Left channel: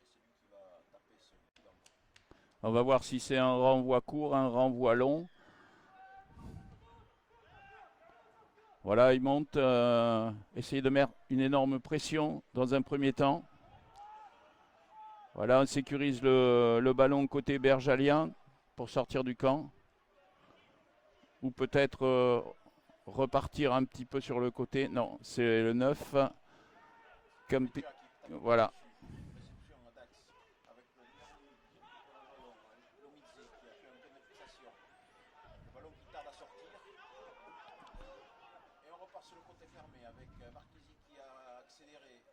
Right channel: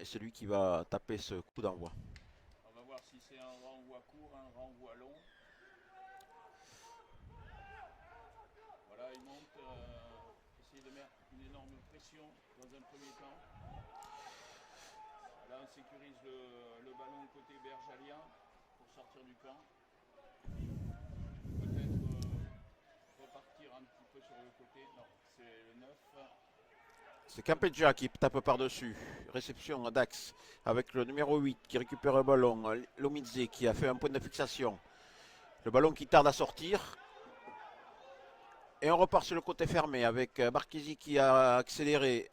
est celui qui va taper ce coup d'envoi. On va voir si c'est un renvoi court, un renvoi long. Voilà, il monte, essayer de mettre une énorme pression dans un premier temps. Voilà, on sécurise le ballon côté bergalien pour sortir du camp. Ou peut-être repartir un petit peu sur le côté. Non, c'est le 9. C'est Capedja qui tape Voilà. par-dessus. Réception à Dax avec le numéro 8 qui récupère le ballon. Lomidze qui a fait un point de fixation. Le ballon qui tarde à sortir. Et on repart sur le côté fermé avec Marchesi qui a accéléré.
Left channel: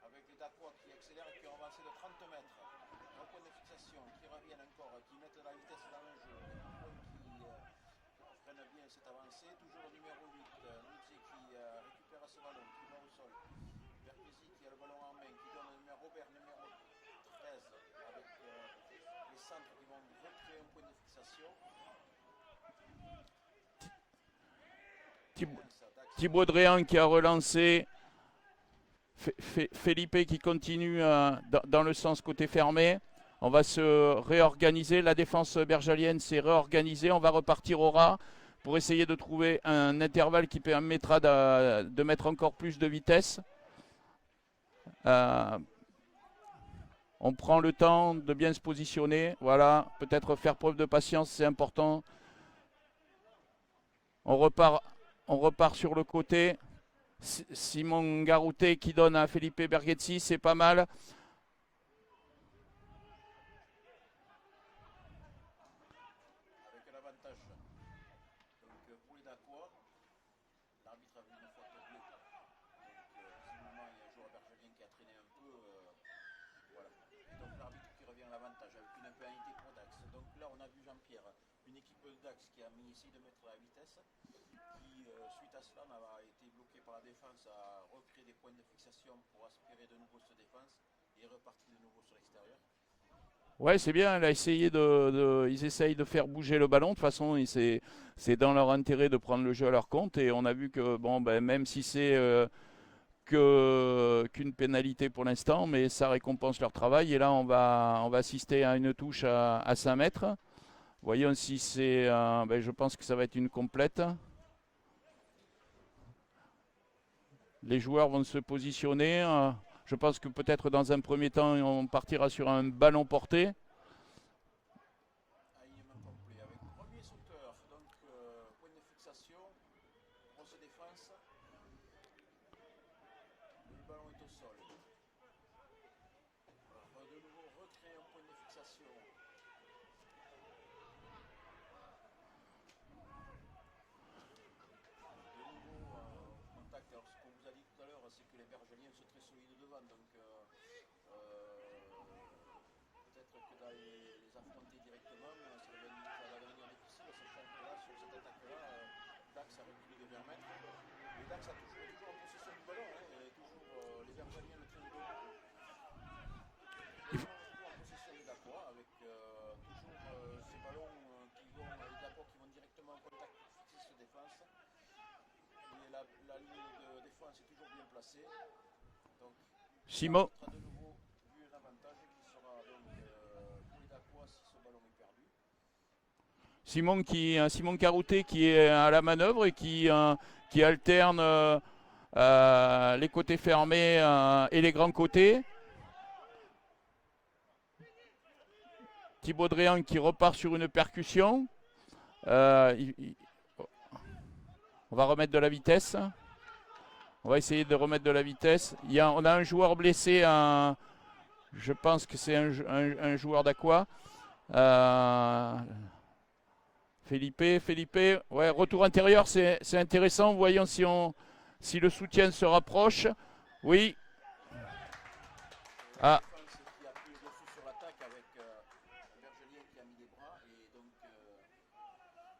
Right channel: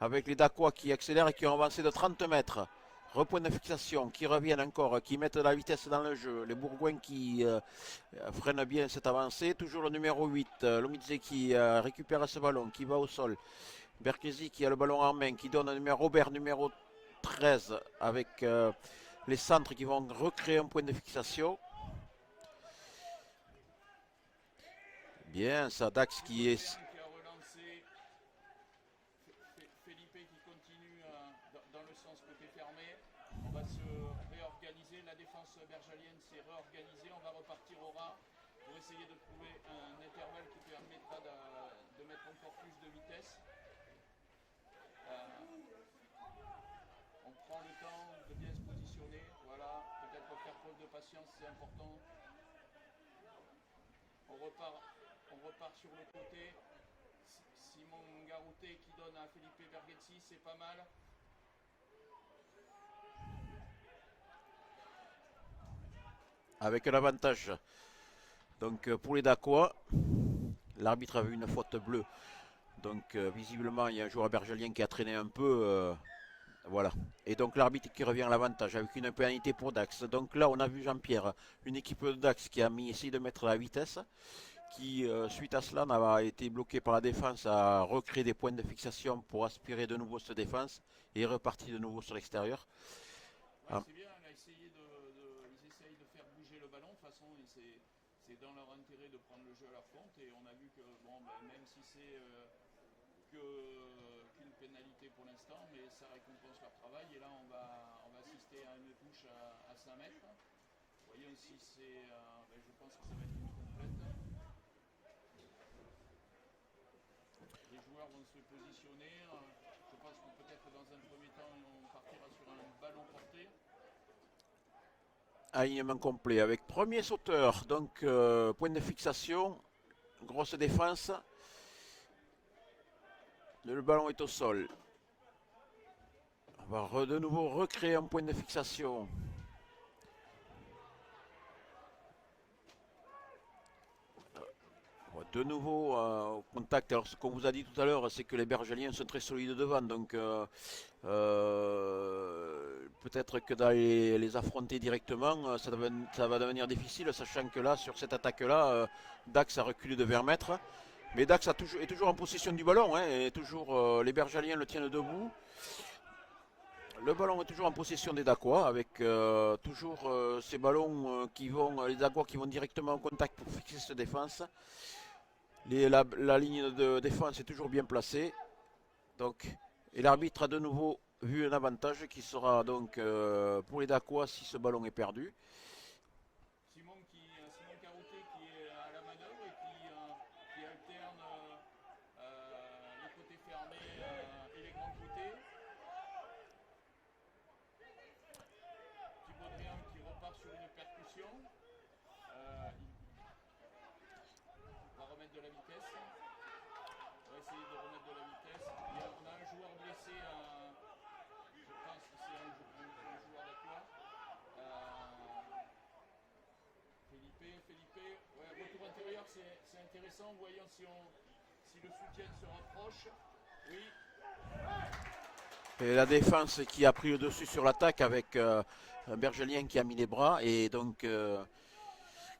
Avec les Dacois qui accélèrent et qui ont avancé de 30 mètres. Repoint de fixation, qui reviennent encore, qui mettent de la vitesse dans le jeu. Les Bourgoins qui freinent bien cette avancée. Toujours le numéro 8, Lomidze qui récupère ce ballon, qui va au sol. Berkesi qui a le ballon en main, qui donne un numéro Robert, numéro 13, avec les centres qui vont recréer un point de fixation. Bien, ça, Dax Thibaut qui est... Dréan qui a relancé. Felipe qui continue dans le sens côté fermé. On va se réorganiser. La défense bergalienne s'est réorganisée. On va repartir au ras pour essayer de trouver un intervalle qui permettra de mettre encore plus de vitesse. On prend le temps de bien se positionner. Voilà, peut-être faire preuve de patience, c'est important. On repart sur le côté. Simon Garouté qui donne à Felipe Berghezzi, c'est pas mal. Avec un avantage. Donc pour les Dacois, l'arbitre a vu une faute bleue. Donc visiblement il y a un joueur bergelien qui a traîné un peu. Voilà. Et donc l'arbitre qui revient à l'avantage avec une pénalité pour Dax. Donc là on a vu Jean-Pierre, une équipe de Dax qui a essayé de mettre la vitesse, qui suite à cela n'a été bloqué par la défense, a recréé des points de fixation pour aspirer de nouveau cette défense et est reparti de nouveau sur l'extérieur. Ouais, c'est bien. Ils essayent de faire bouger le ballon. De toute façon, c'est dans leur intérêt de prendre le jeu à leur compte. Et on a vu que, bon, ben, même si c'est qu'une pénalité pour l'instant, mais ça récompense leur travail. Et là, on va assister à une touche à 5 mètres. Voyons si c'est. Ben, je pense que ça va être une complète. Les joueurs vont se positionner. Je pense que peut-être dans un premier temps, on partira sur un ballon porté. Alignement complet avec premier sauteur, donc point de fixation, grosse défense. Le ballon est au sol. On va de nouveau recréer un point de fixation. De nouveau au contact. Alors ce qu'on vous a dit tout à l'heure, c'est que les Bergeliens sont très solides devant, donc peut-être que d'aller les affronter directement, ça va devenir difficile, sachant que là, sur cette attaque-là, Dax a reculé de 20 mètres. Mais Dax est toujours en possession du ballon, hein, et toujours les Bergeliens le tiennent debout. Le ballon est toujours en possession des Dacois, avec toujours ces ballons les Dacois qui vont directement en contact pour fixer cette défense. La ligne de défense est toujours bien placée. Donc, et Simon, l'arbitre a de nouveau vu un avantage qui sera donc pour les Dacois si ce ballon est perdu. Simon Carouté qui est à la manœuvre et qui alterne les côtés fermés et les grands côtés. Thibaut Dréan qui repart sur une percussion. Euh, il- il- on va remettre de la vitesse. On va essayer de remettre de la vitesse. On a un joueur blessé. Je pense que c'est un joueur d'Aqua. Felipe, ouais, retour intérieur, c'est intéressant. Voyons si le soutien se rapproche. Oui. Et la Ah, défense qui a pris le dessus sur l'attaque avec un Bergelien qui a mis les bras et donc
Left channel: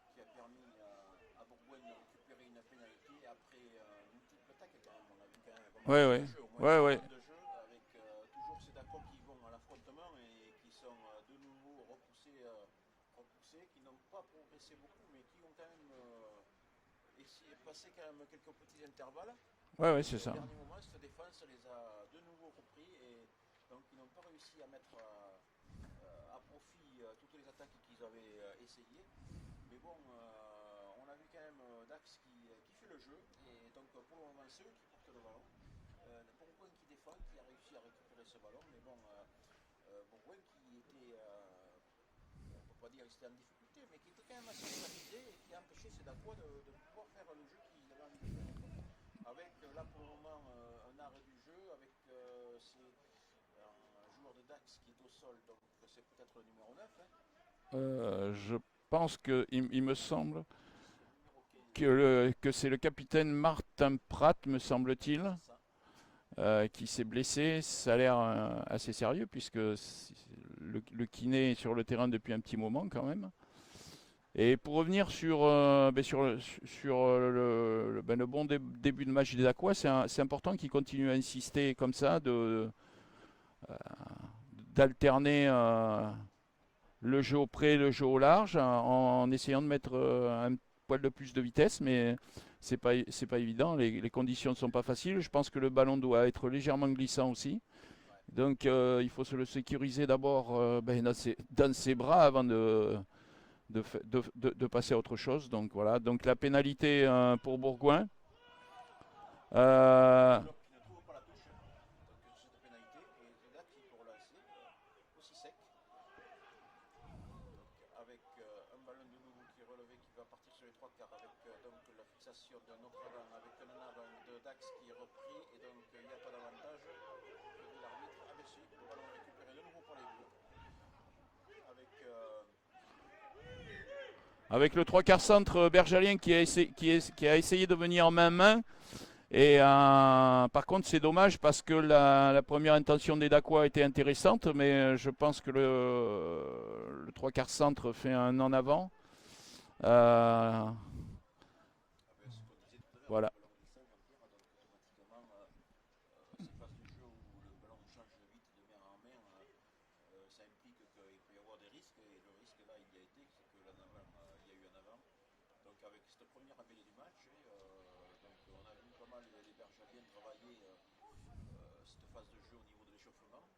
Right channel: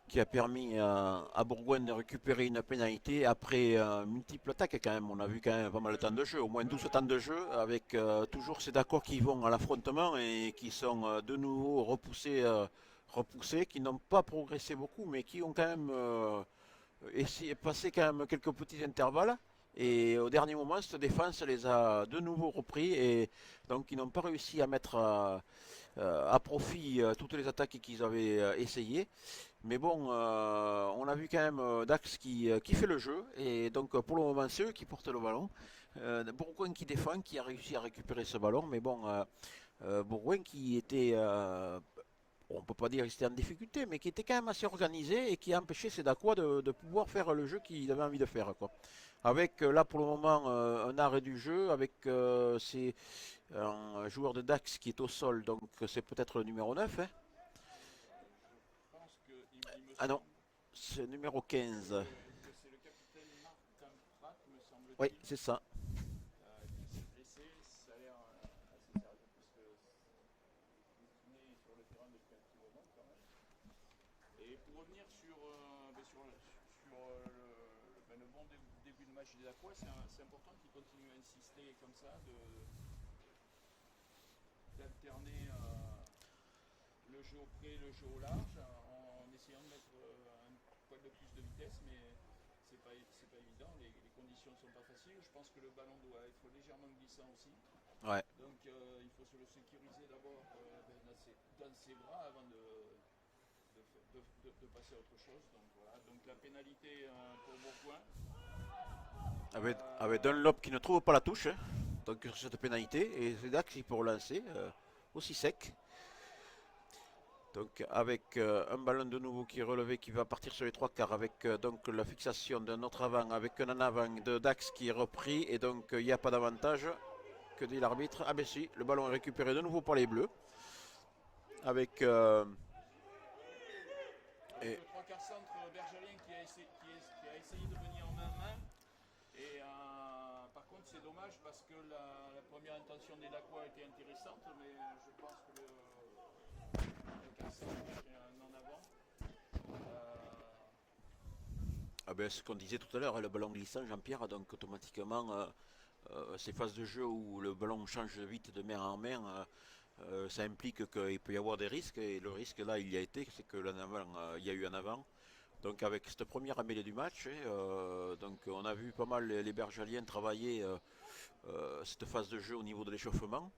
qui a permis à Bourgoin de récupérer une pénalité après multiples attaques quand même. On a vu quand même pas mal de ouais, temps ouais, de jeu, au moins ouais, 12 ouais. temps de jeu, avec toujours ces d'accord qui vont à l'affrontement et qui sont de nouveau repoussés, qui n'ont pas progressé beaucoup, mais qui ont quand même essayé, passé quand même quelques petits intervalles. Ouais, Et c'est au ça. dernier moment, cette défense les a de nouveau repris et donc ils n'ont pas réussi à mettre à profit toutes les attaques qu'ils avaient essayées. Mais bon, on a vu quand même Dax qui fait le jeu et donc pour le moment c'est eux qui portent le ballon. Bourgoin qui défend, qui a réussi à récupérer ce ballon, mais bon, Bourgoin qui était, on peut pas dire qu'il était en difficulté, mais qui était quand même assez organisé et qui a empêché Sedakwa de pouvoir faire le jeu qu'il avait envie de faire, quoi. Avec là pour le moment un arrêt du jeu, avec un joueur de Dax qui est au sol, donc c'est peut-être le numéro 9, hein. Je pense que il me Ah non, semble c'est le numéro 15. que c'est le capitaine Martin Pratt, me Oui, semble-t-il, c'est ça. qui s'est blessé. Ça a l'air assez sérieux puisque le kiné est sur le terrain depuis un petit moment quand même. Et pour revenir sur le bon début de match des Aquas, c'est important qu'ils continuent à insister comme ça, d'alterner le jeu au près, le jeu au large, en essayant de mettre un poil de plus de vitesse, mais c'est pas évident. Les conditions ne sont pas faciles. Je pense que le ballon doit être légèrement glissant aussi. Ouais. Donc il faut se le sécuriser d'abord dans ses bras avant de passer à autre chose. Donc voilà. Donc la pénalité pour Bourgoin. Avec Euh, Dunlop qui ne trouve pas la touche, hein, donc sur cette pénalité, et c'est Dax qui peut relancer aussi sec. Donc avec un ballon de nouveau qui est relevé, qui va partir sur les trois quarts, avec donc la fixation d'un autre avant, avec un en avant de Dax qui est repris, et donc il n'y a pas d'avantage. Que dit l'arbitre? Ah ben si, le ballon est récupéré de nouveau par les Bleus. Avec avec le trois quarts centre bergalien qui a essayé de venir main-main. Et par contre, c'est dommage parce que la première intention des Dacois était intéressante, mais je pense que le trois quarts centre fait un en avant. ah ben, ce qu'on disait tout à l'heure, le Voilà. ballon glissant, Jean-Pierre, donc automatiquement ces phases de jeu où le ballon change vite de main en main, ça implique qu'il peut y avoir des risques, et le risque là il y a été, c'est que il y a eu un avant. Donc avec cette première mêlée du match, hein, donc on a vu pas mal les Bergaliens travailler cette phase de jeu au niveau de l'échauffement.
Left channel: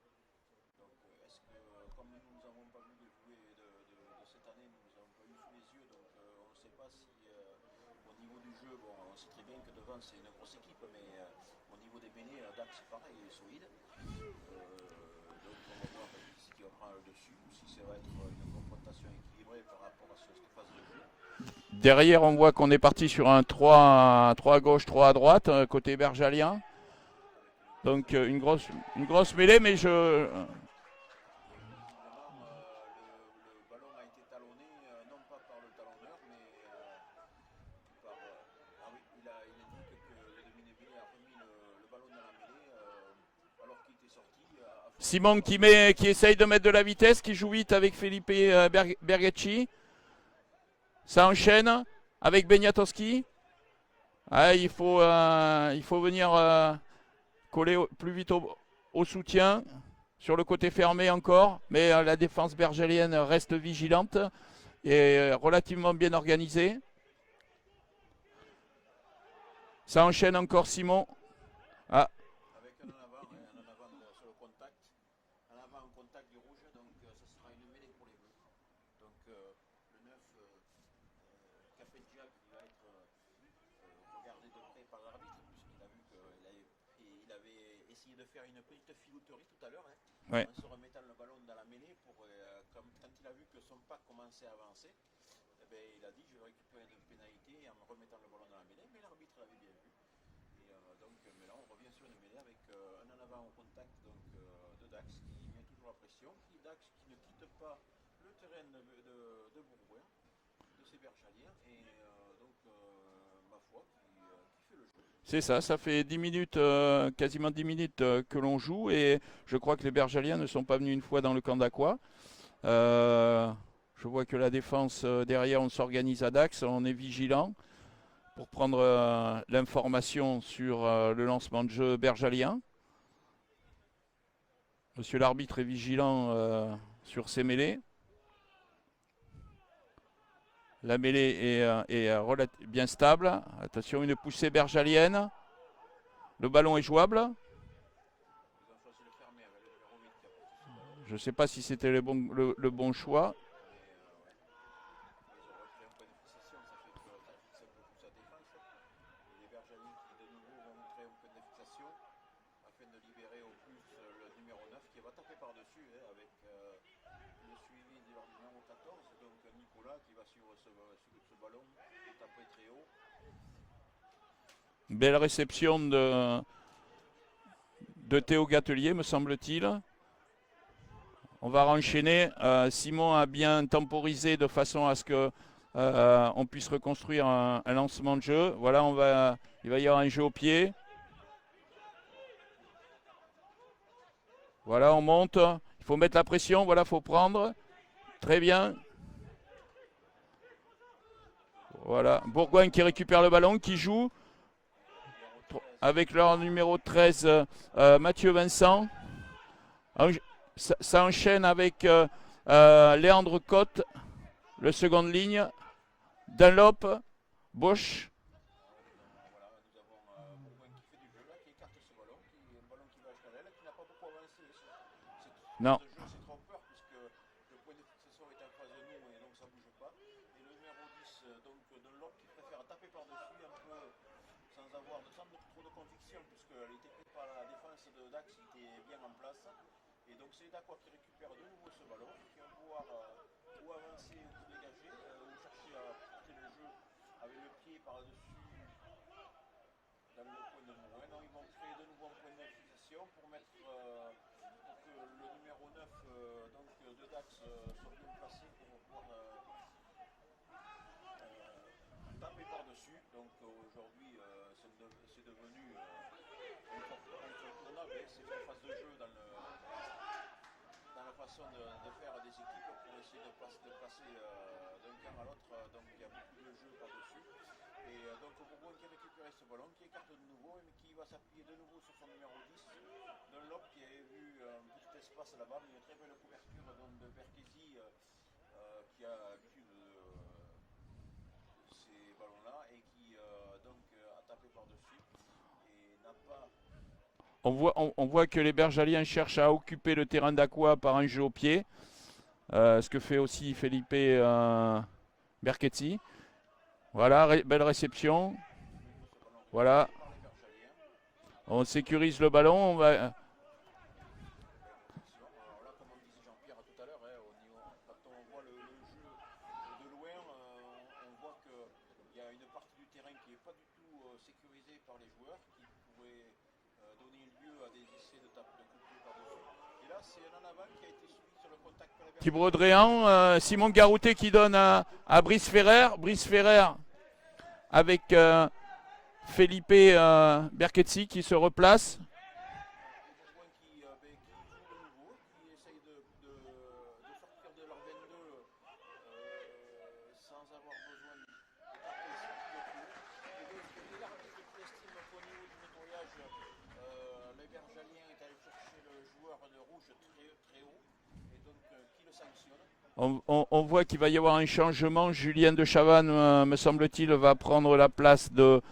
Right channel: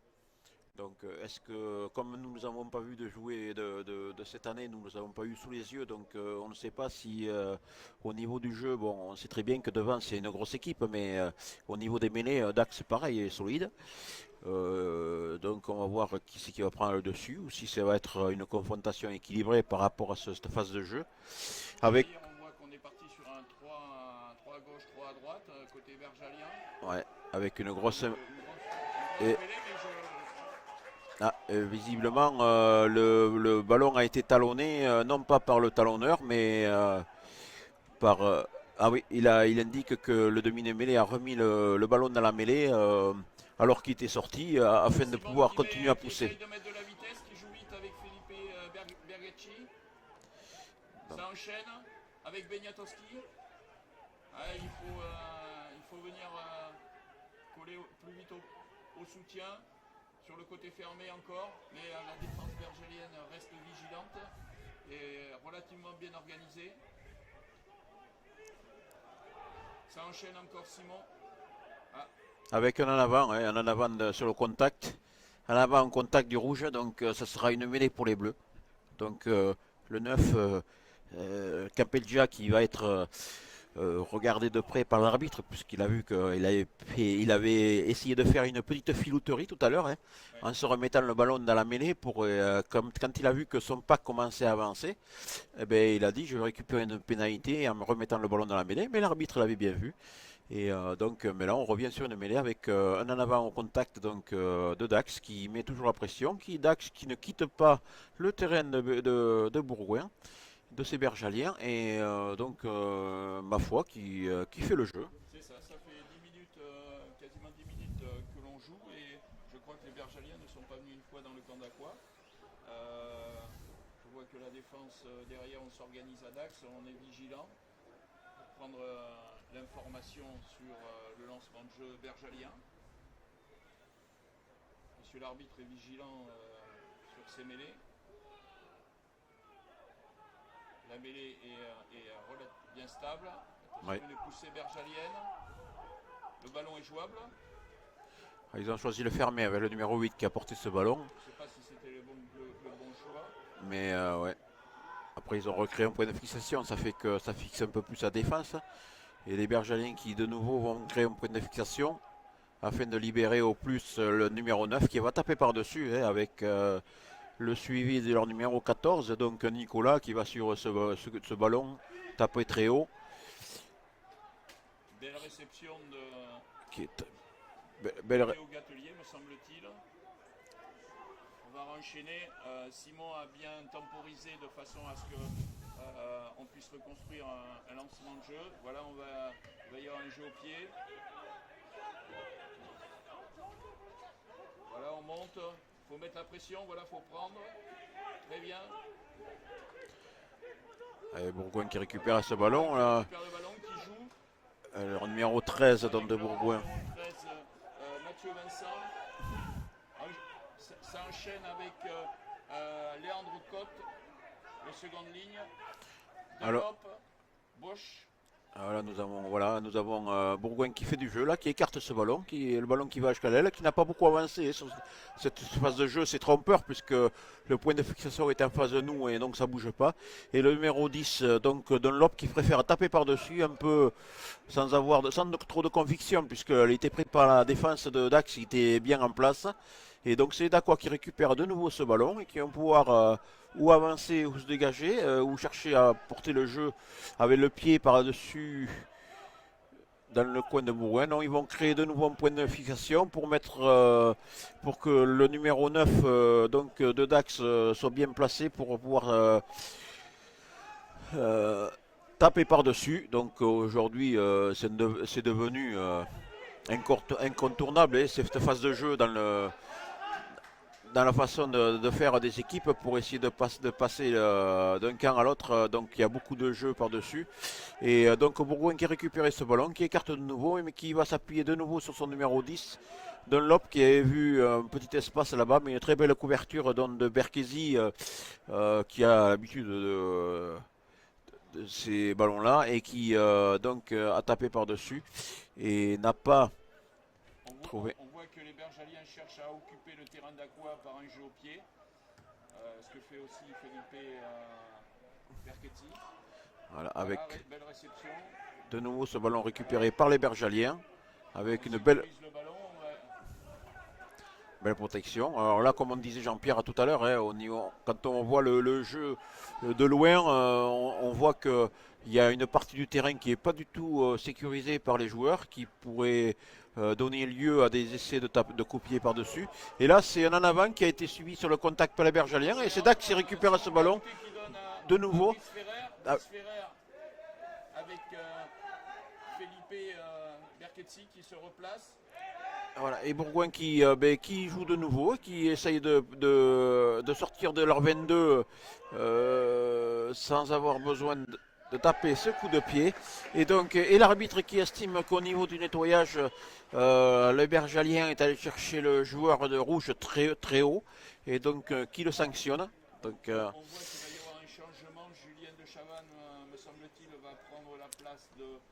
Donc est-ce que, comme nous ne nous avons pas vu de jouer de cette année, nous ne nous avons pas eu sous les yeux, donc on ne sait pas si au niveau du jeu, bon on sait très bien que devant c'est une grosse équipe, mais au niveau des mêlées, Dax pareil est solide. Donc on va voir qui c'est qui va prendre le dessus, ou si ça va être une confrontation équilibrée par rapport à cette phase de jeu. Avec, Derrière, on voit qu'on est parti sur un 3 à gauche, 3 à droite, côté bergalien. ouais, avec une grosse... Donc une grosse Et, mêlée, mais je. visiblement, le ballon a été talonné, non pas par le talonneur, mais par... ah oui, il indique que le demi-mêlée a remis le ballon dans la mêlée alors qu'il était sorti, afin de Simon pouvoir continuer à qui pousser. essaye de mettre de la vitesse, qui joue vite avec Felipe Bergacci. Ça enchaîne avec Beniatowski. Ah, il faut venir coller plus vite au soutien. Sur le côté fermé encore, mais la défense bergelienne reste vigilante et relativement bien organisée. Ça enchaîne encore Simon. Ah, Avec un en avant, hein, un en avant sur le contact. En avant en contact du rouge, donc ça sera une mêlée pour les bleus. Donc le 9, Capelgia qui va être regardé de près par l'arbitre, puisqu'il a vu qu'il avait essayé de faire une petite filouterie tout à l'heure, hein, ouais. en se remettant le ballon dans la mêlée, quand il a vu que son pack commençait à avancer, eh ben, il a dit je vais récupérer une pénalité en me remettant le ballon dans la mêlée, mais l'arbitre l'avait bien vu. Et donc, mais là, on revient sur une mêlée avec un en avant au contact donc, de Dax qui met toujours la pression, Dax qui ne quitte pas le terrain de Bourgoin, de ces Bergaliens, et donc, ma foi, qui fait le jeu. C'est ça, ça fait 10 minutes, quasiment 10 minutes que l'on joue et je crois que les Bergaliens ne sont pas venus une fois dans le camp d'Aqua. Je vois que la défense derrière, on s'organise à Dax, on est vigilant pour prendre l'information sur le lancement de jeu bergalien. Monsieur l'arbitre est vigilant sur ces mêlées. La mêlée est bien stable. Attention, Ouais. une poussée bergalienne. Le ballon est jouable. Ah, ils ont choisi le fermer avec le numéro 8 qui a porté ce ballon. Je ne sais pas si c'était le bon choix. Mais ouais. Après, ils ont recréé un point de fixation. Ça fait que ça fixe un peu plus la défense. Et les Bergaliens qui, de nouveau, vont créer un point de fixation afin de libérer au plus le numéro 9 qui va taper par-dessus avec le suivi de leur numéro 14. Donc Nicolas qui va sur ce ballon taper très haut. Belle réception de Théo Gatelier, me semble-t-il. On va enchaîner. Simon a bien temporisé de façon à ce que on puisse reconstruire un lancement de jeu. Voilà, il va y avoir un jeu au pied. Voilà, on monte. Il faut mettre la pression. Voilà, il faut prendre. Très bien. Bourgoin qui récupère Voilà, ce Bourgoin ballon. Qui récupère le ballon, qui joue. Leur numéro 13. Avec leur numéro 13, Mathieu Vincent. Ça enchaîne avec Léandre Cotte, le seconde ligne. Dunlop, Bosch. Nous avons Bourgoin qui fait du jeu là, qui écarte ce ballon, qui est le ballon qui va jusqu'à l'aile, qui n'a pas beaucoup avancé sur cette phase de jeu. C'est trompeur puisque le point de fixation est en face de nous et donc ça bouge pas. Et le numéro 10, donc Dunlop, qui préfère taper par-dessus un peu sans trop de conviction puisqu'il était pris par la défense de Dax, il était bien en place. Et donc c'est Dacois qui récupère de nouveau ce ballon et qui va pouvoir ou avancer ou se dégager ou chercher à porter le jeu avec le pied par-dessus dans le coin de Bourgoin. Non, ils vont créer de nouveau un point de fixation pour pour que le numéro 9 donc de Dax soit bien placé pour pouvoir taper par-dessus. Donc aujourd'hui c'est devenu incontournable cette phase de jeu dans la façon de faire des équipes pour essayer de passer d'un camp à l'autre. Donc il y a beaucoup de jeux par-dessus. Et donc Bourgoin qui a récupéré ce ballon, qui écarte de nouveau, mais qui va s'appuyer de nouveau sur son numéro 10. Dunlop qui avait vu un petit espace là-bas, mais une très belle couverture de Berkesi qui a l'habitude de ces ballons-là et qui donc a tapé par-dessus et n'a pas... On voit que les Bergaliens cherchent à occuper le terrain d'Aqua par un jeu au pied. Ce que fait aussi Felipe Berchetti. Voilà, belle réception. De nouveau ce ballon récupéré par les Bergaliens. On sécurise le ballon. Belle protection. Alors là, comme on disait Jean-Pierre tout à l'heure, quand on voit le jeu de loin, on voit qu'il y a une partie du terrain qui n'est pas du tout sécurisée par les joueurs, qui pourrait donner lieu à des essais de copier par-dessus. Et là, c'est un en avant qui a été suivi sur le contact par les Bergaliens. Simon Garouté qui donne à Brice Ferrer. Brice Ferrer avec Felipe Berchetti qui se replace. Voilà, et Bourgoin qui joue de nouveau, qui essaye de sortir de leur 22 sans avoir besoin de taper ce coup de pied. Et donc, et l'arbitre qui estime qu'au niveau du nettoyage, le Bergalien est allé chercher le joueur de rouge très, très haut, et donc qui le sanctionne. On voit qu'il va y avoir un changement. Julien de Chavannes, me semble-t-il, va prendre la place de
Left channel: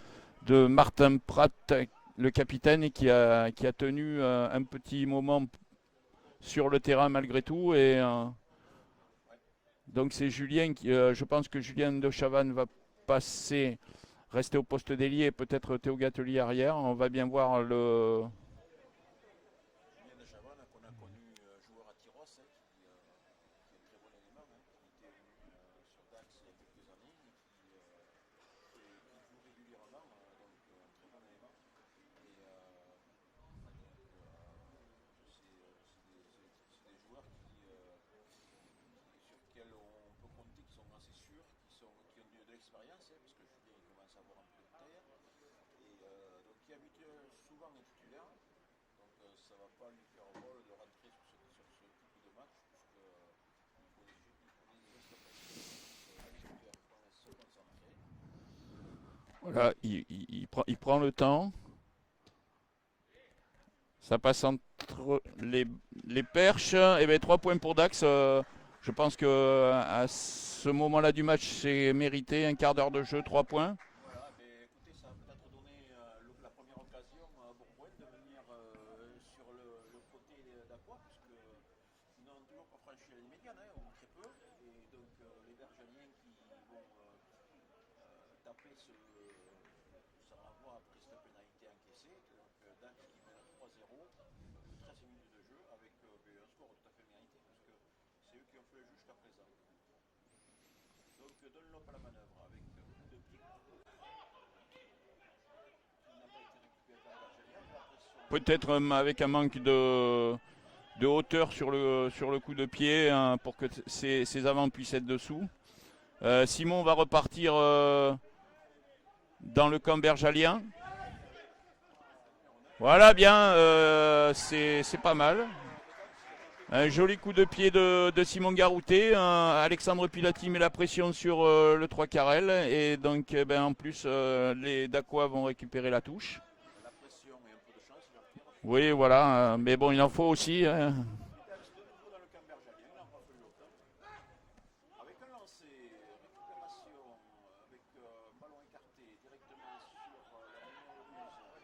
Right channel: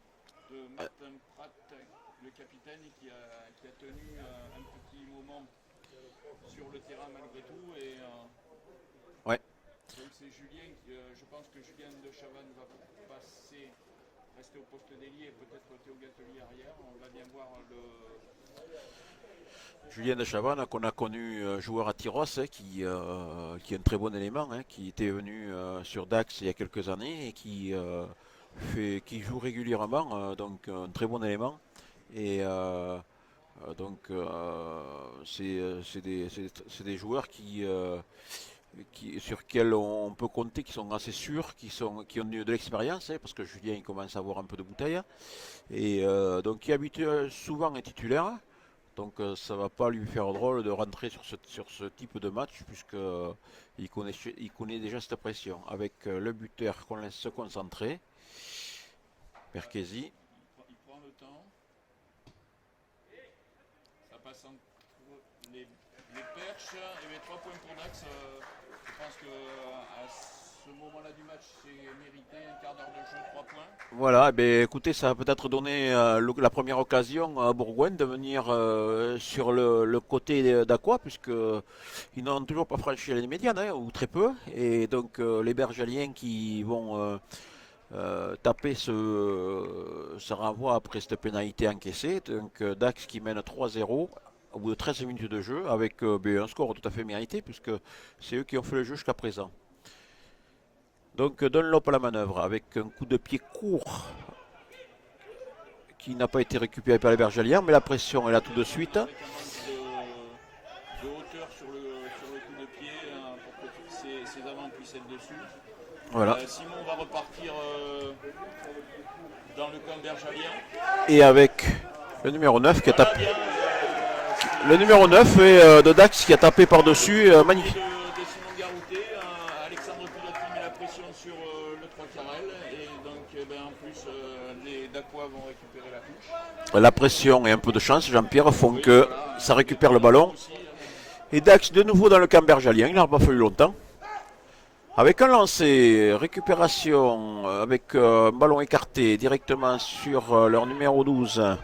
Martin Pratt, le capitaine, qui a tenu un petit moment sur le terrain malgré tout. Et, ouais. Donc c'est Julien, je pense que Julien de Chavannes va rester au poste d'ailier, peut-être Théo Gatelier arrière. On va bien voir le... Julien de Chavannes, qu'on a connu joueur à Tyros, qui est un très bon élément, qui était venu sur Dax il y a quelques années et qui joue régulièrement, donc un très bon élément. Et donc c'est des joueurs sur lesquels on peut compter, qui sont assez sûrs, qui ont de l'expérience, parce que Julien il commence à avoir un peu de bouteille. Et donc qui souvent est titulaire. Donc ça ne va pas lui faire drôle de rentrer sur ce type de match, puisqu'il connaît déjà cette pression. Avec le buteur qu'on laisse se concentrer. Voilà, il prend le temps. Ça passe entre les perches. Et bien 3 points pour Dax. Je pense que à ce moment-là du match, c'est mérité. Un quart d'heure de jeu, 3 points. Voilà, eh ben, écoutez, ça va peut-être donner la première occasion à Bourgoin de venir sur le côté d'Aqua, puisque ils n'ont toujours pas franchi la ligne médiane, hein, ou très peu. Et donc les Bergaliens qui vont taper ce renvoi après cette pénalité encaissée. Donc Dax qui mène 3-0 au bout de 13 minutes de jeu, avec un score tout à fait mérité, puisque c'est eux qui ont fait le jeu jusqu'à présent. Donc Dunlop à la manœuvre avec un coup de pied court qui n'a pas été récupéré par les Bergeliens, mais la pression est là tout de suite. Avec un manque de hauteur sur le coup de pied, hein, pour que ses avants puissent être dessous. Voilà. Simon va repartir dans le camp bergalien. Et avec le numéro 9 qui voilà, a tapé. Bien, le numéro 9 est de Dax qui a tapé par-dessus. Magnifique. De Simon Garouté. Alexandre Pilati met la pression sur le 3 carrel. Et donc en plus les Dacois vont récupérer la touche. La pression et un peu de chance, Jean-Pierre, font que voilà, ça récupère le ballon. Aussi, Et Dax de nouveau dans le camp bergalien, il n'a pas fallu longtemps. Avec un lancer, récupération avec un ballon écarté directement sur leur numéro 12.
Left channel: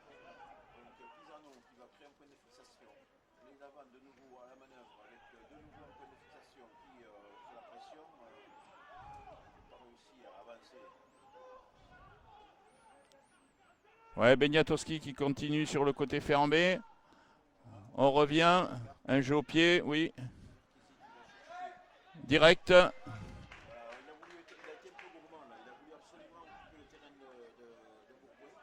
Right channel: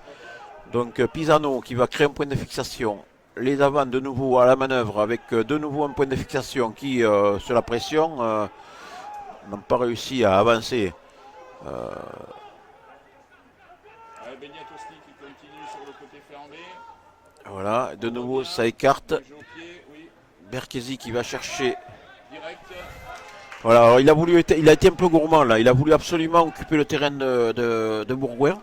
Donc Pisano qui va créer un point de fixation. Les avants de nouveau à la manœuvre avec de nouveau un point de fixation qui, sur la pression, n'ont pas réussi à avancer. Ouais, Beniatowski qui continue sur le côté fermé. Voilà, de nouveau revient, ça écarte. Un jeu au pied, oui. Berkesi qui va chercher. Direct. Voilà, alors il a été un peu gourmand là. Il a voulu absolument occuper le terrain de Bourgoin,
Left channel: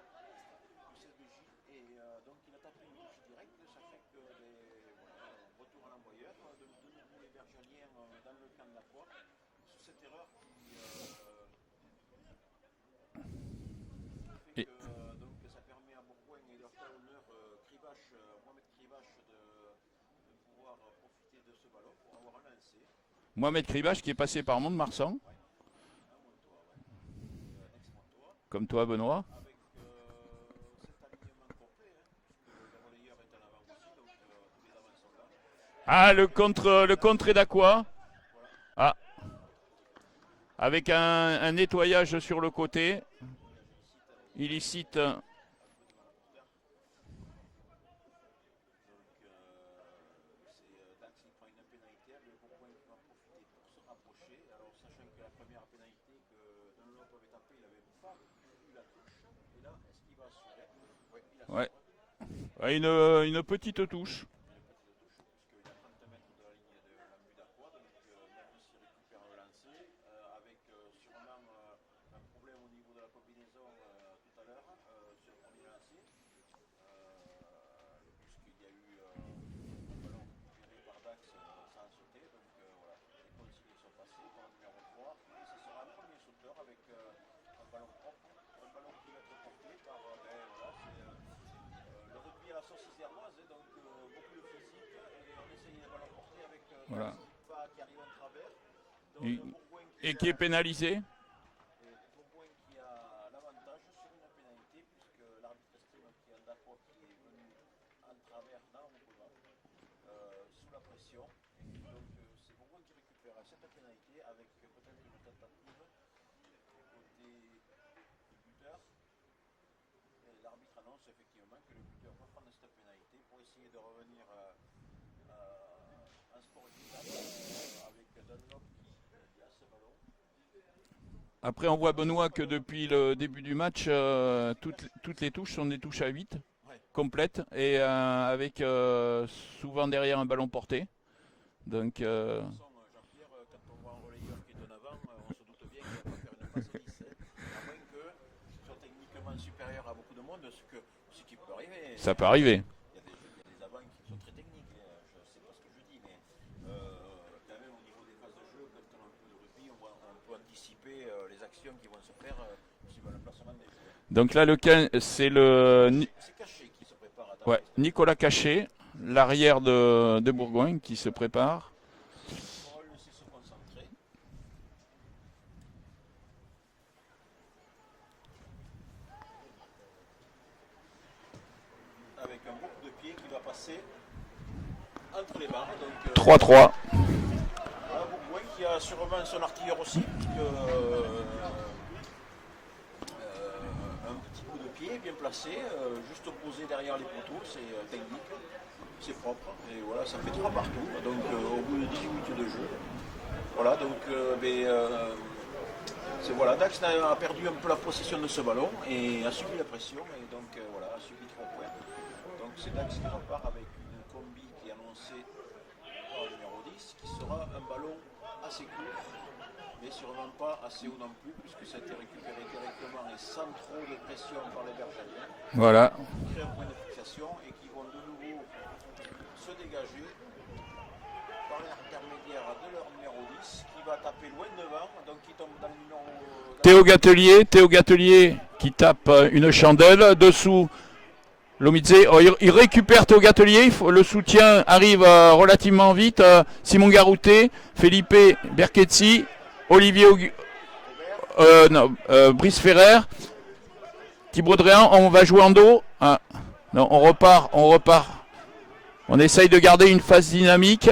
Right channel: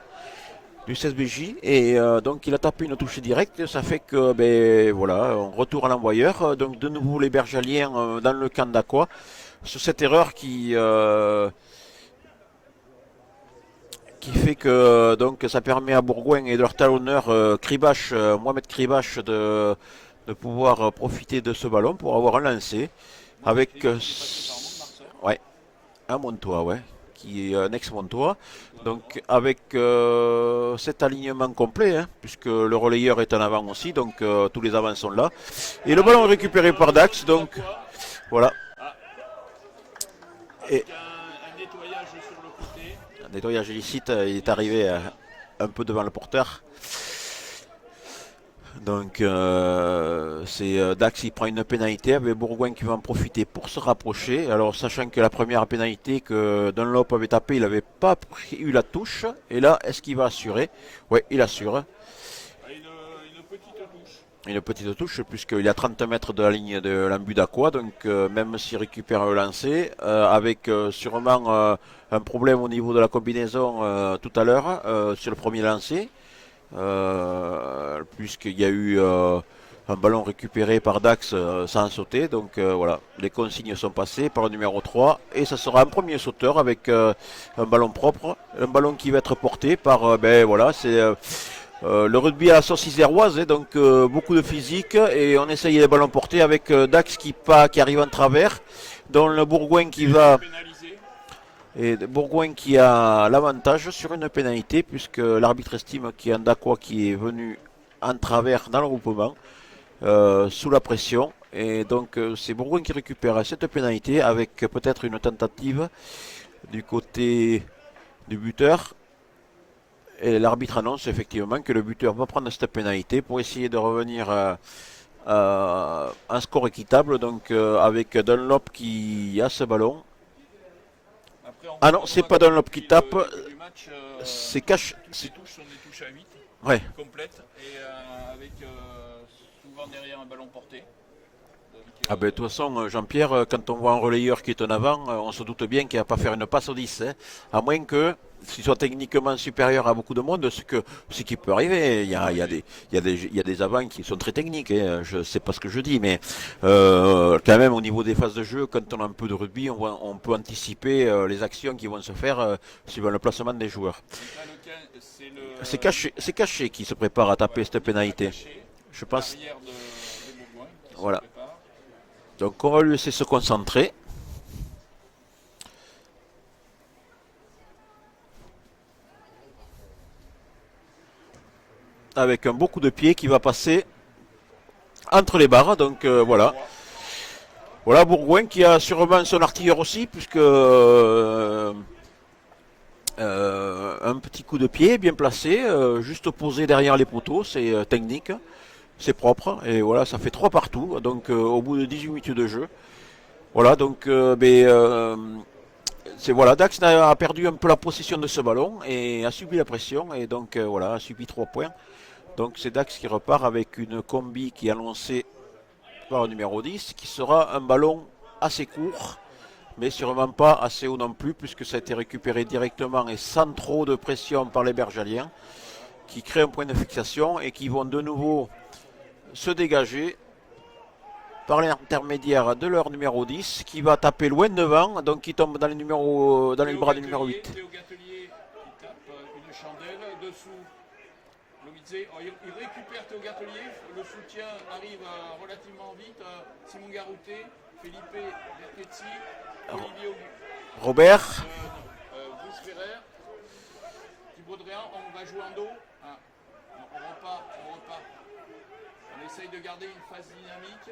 du 16BJ, et donc il a tapé une touche directe. Ça fait que voilà, on retourne à l'envoyeur. Donc de nouveau les Bergaliens dans le camp d'Aqua sur cette erreur qui fait que donc ça permet à Bourgoin et de leur talonneur Mohamed Kribache de pouvoir profiter de ce ballon pour avoir un lancer. Avec qui est passé par Mont-de-Marsan. Ouais, un Montois, ouais, qui est un ex-Montois. Comme toi, donc, Benoît. avec cet alignement complet, hein, puisque le relayeur est en avant aussi, donc tous les avants sont là. Et le ballon est récupéré par Dax. Donc, voilà. Ah. Avec un nettoyage sur le côté. Un nettoyage illicite, il est arrivé un peu devant le porteur. Donc c'est Dax qui prend une pénalité avec Bourgoin qui va en profiter pour se rapprocher. Alors sachant que la première pénalité que Dunlop avait tapé, il n'avait pas eu la touche. Et là, est-ce qu'il va assurer? Oui, il assure. Ouais. Une petite touche. Une petite touche puisqu'il est à 30 mètres de la ligne de l'embut d'Aqua. Donc même s'il récupère le lancer, avec sûrement un problème au niveau de la combinaison tout à l'heure sur le premier lancer. Puisqu'il y a eu un ballon récupéré par Dax sans sauter. Donc voilà, les consignes sont passées par le numéro 3 et ça sera un premier sauteur avec un ballon propre, un ballon qui va être porté par voilà, c'est le rugby à la sauce iséroise, donc beaucoup de physique, et on essaye les ballons portés avec Dax qui arrive en travers, dont le Bourgoin qui va pénaliser. Et Bourgoin qui a l'avantage sur une pénalité, puisque l'arbitre estime qu'il y a un Daqua qui est venu en travers dans le regroupement, sous la pression. Et donc c'est Bourgoin qui récupère cette pénalité avec peut-être une tentative du côté du buteur. Et l'arbitre annonce effectivement que le buteur va prendre cette pénalité pour essayer de revenir à un score équitable. Donc avec Dunlop qui a ce ballon. Après, on voit ah non, c'est pas Dunlop qui tape. Du match, c'est cash. Toutes ces touches sont des touches à 8 complètes. Et avec souvent derrière un ballon porté. Donc, de toute façon, Jean-Pierre, quand on voit un relayeur qui est en avant, on se doute bien qu'il ne va pas faire une passe au 10. Hein, à moins que s'il soit techniquement supérieur à beaucoup de monde, ce qui peut arriver. Il y a des avants qui sont très techniques, hein, je ne sais pas ce que je dis, mais quand même au niveau des phases de jeu, quand on a un peu de rugby, on peut anticiper les actions qui vont se faire suivant le placement des joueurs. Donc là, c'est Caché qui se prépare à taper cette Nicolas pénalité. Caché, l'arrière de Bourgoin qui se prépare. Donc on va lui laisser se concentrer. Avec un beau coup de pied qui va passer entre les barres. Donc 3-3. voilà. Voilà Bourgoin qui a sûrement son artilleur aussi, puisque un petit coup de pied bien placé, juste posé derrière les poteaux, c'est technique, c'est propre, et voilà, ça fait 3 partout, donc au bout de 18 minutes de jeu. Voilà, donc voilà, Dax a perdu un peu la possession de ce ballon et a subi la pression, et donc voilà, a subi 3 points. Donc c'est Dax qui repart avec une combi qui est annoncée par le numéro 10, qui sera un ballon assez court, mais sûrement pas assez haut non plus, puisque ça a été récupéré directement et sans trop de pression par les Bergaliens, Voilà. qui créent un point de fixation et qui vont de nouveau se dégager par l'intermédiaire de leur numéro 10, qui va taper loin devant, donc qui tombe dans les numéros... Théo Gatelier qui tape une chandelle. Dessous, Lomidze, il récupère Théo Gatelier, le soutien arrive relativement vite. Simon Garouté, Felipe Berchezzi, Olivier Robert, Brice Ferrer, Thibaut Dréan, on va jouer en dos. Ah, non, on repart. On essaye de garder une phase dynamique.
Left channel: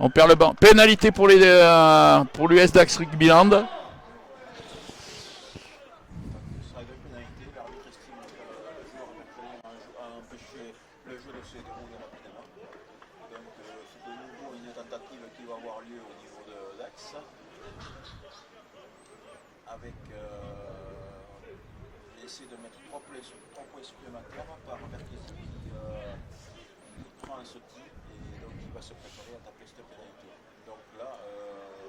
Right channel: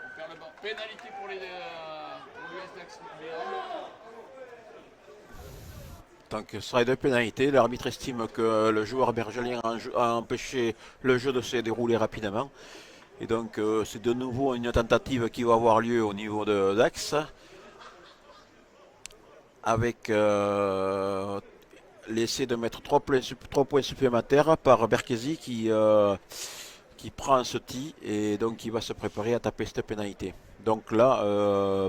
On perd le banc. Pénalité pour l'US Dax Rugbyland. Donc ce sera de pénalité. L'arbitre estime que le joueur bergelien a empêché le jeu de se dérouler rapidement. Et donc c'est de nouveau une tentative qui va avoir lieu au niveau de Dax. Avec l'essai de mettre 3 points supplémentaires par Berchezzi qui prend ce tee et donc qui va se préparer à taper cette pénalité. Donc là,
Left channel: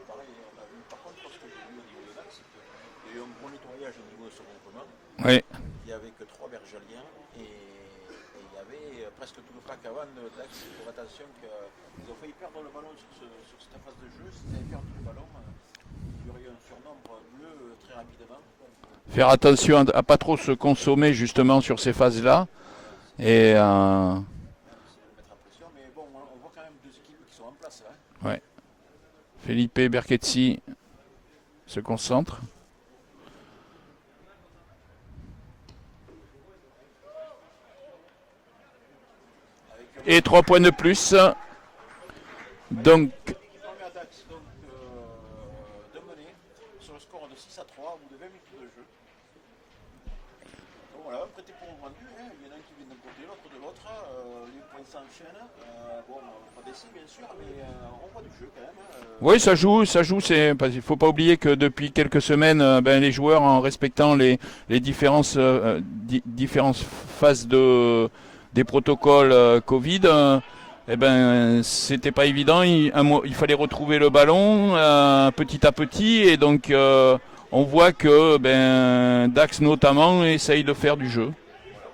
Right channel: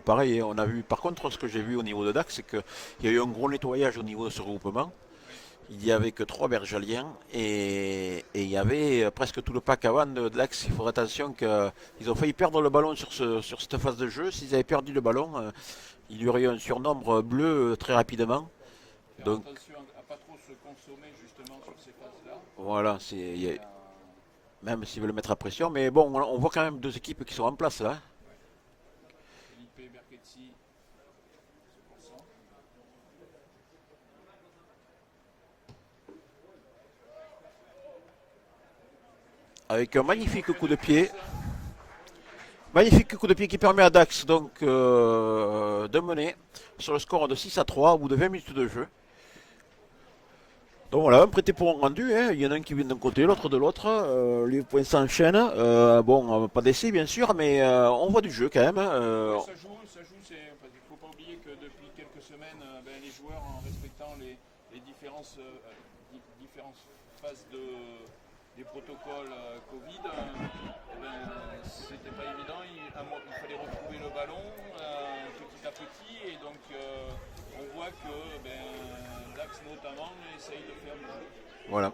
pareil, on a vu, par contre, ce que j'ai vu au niveau de Dax, c'est qu'il y a eu un gros nettoyage au niveau de ce regroupement. Oui. Il n'y avait que 3 Bergaliens et il y avait presque tout le pack avant de Dax. Il faudrait attention qu'ils ont failli perdre le ballon sur cette phase de jeu. S'ils avaient perdu le ballon, il y aurait eu un surnombre bleu très rapidement. Faire attention à pas trop se consommer justement sur ces phases-là. Voilà. Et même s'ils veulent mettre à pression. Mais bon, on voit quand même 2 équipes qui sont en place là. Ouais. Felipe Berchezzi se concentre. Avec un et 3 points de plus. Magnifique coup de pied qui permet à Dax donc, de mener sur le score de 6-3 au bout de 20 minutes de jeu. Donc voilà, un prêté pour un rendu, hein. Il y en a un qui vient d'un côté, l'autre de l'autre, les points s'enchaînent, bon, pas d'essai bien sûr, mais on voit du jeu quand même. Oui, ça joue, il ne faut pas oublier que depuis quelques semaines, les joueurs, en respectant les différentes phases des protocoles Covid, c'était pas évident, il fallait retrouver le ballon petit à petit, et donc... on voit que Dax notamment essaye de faire du jeu. Voilà.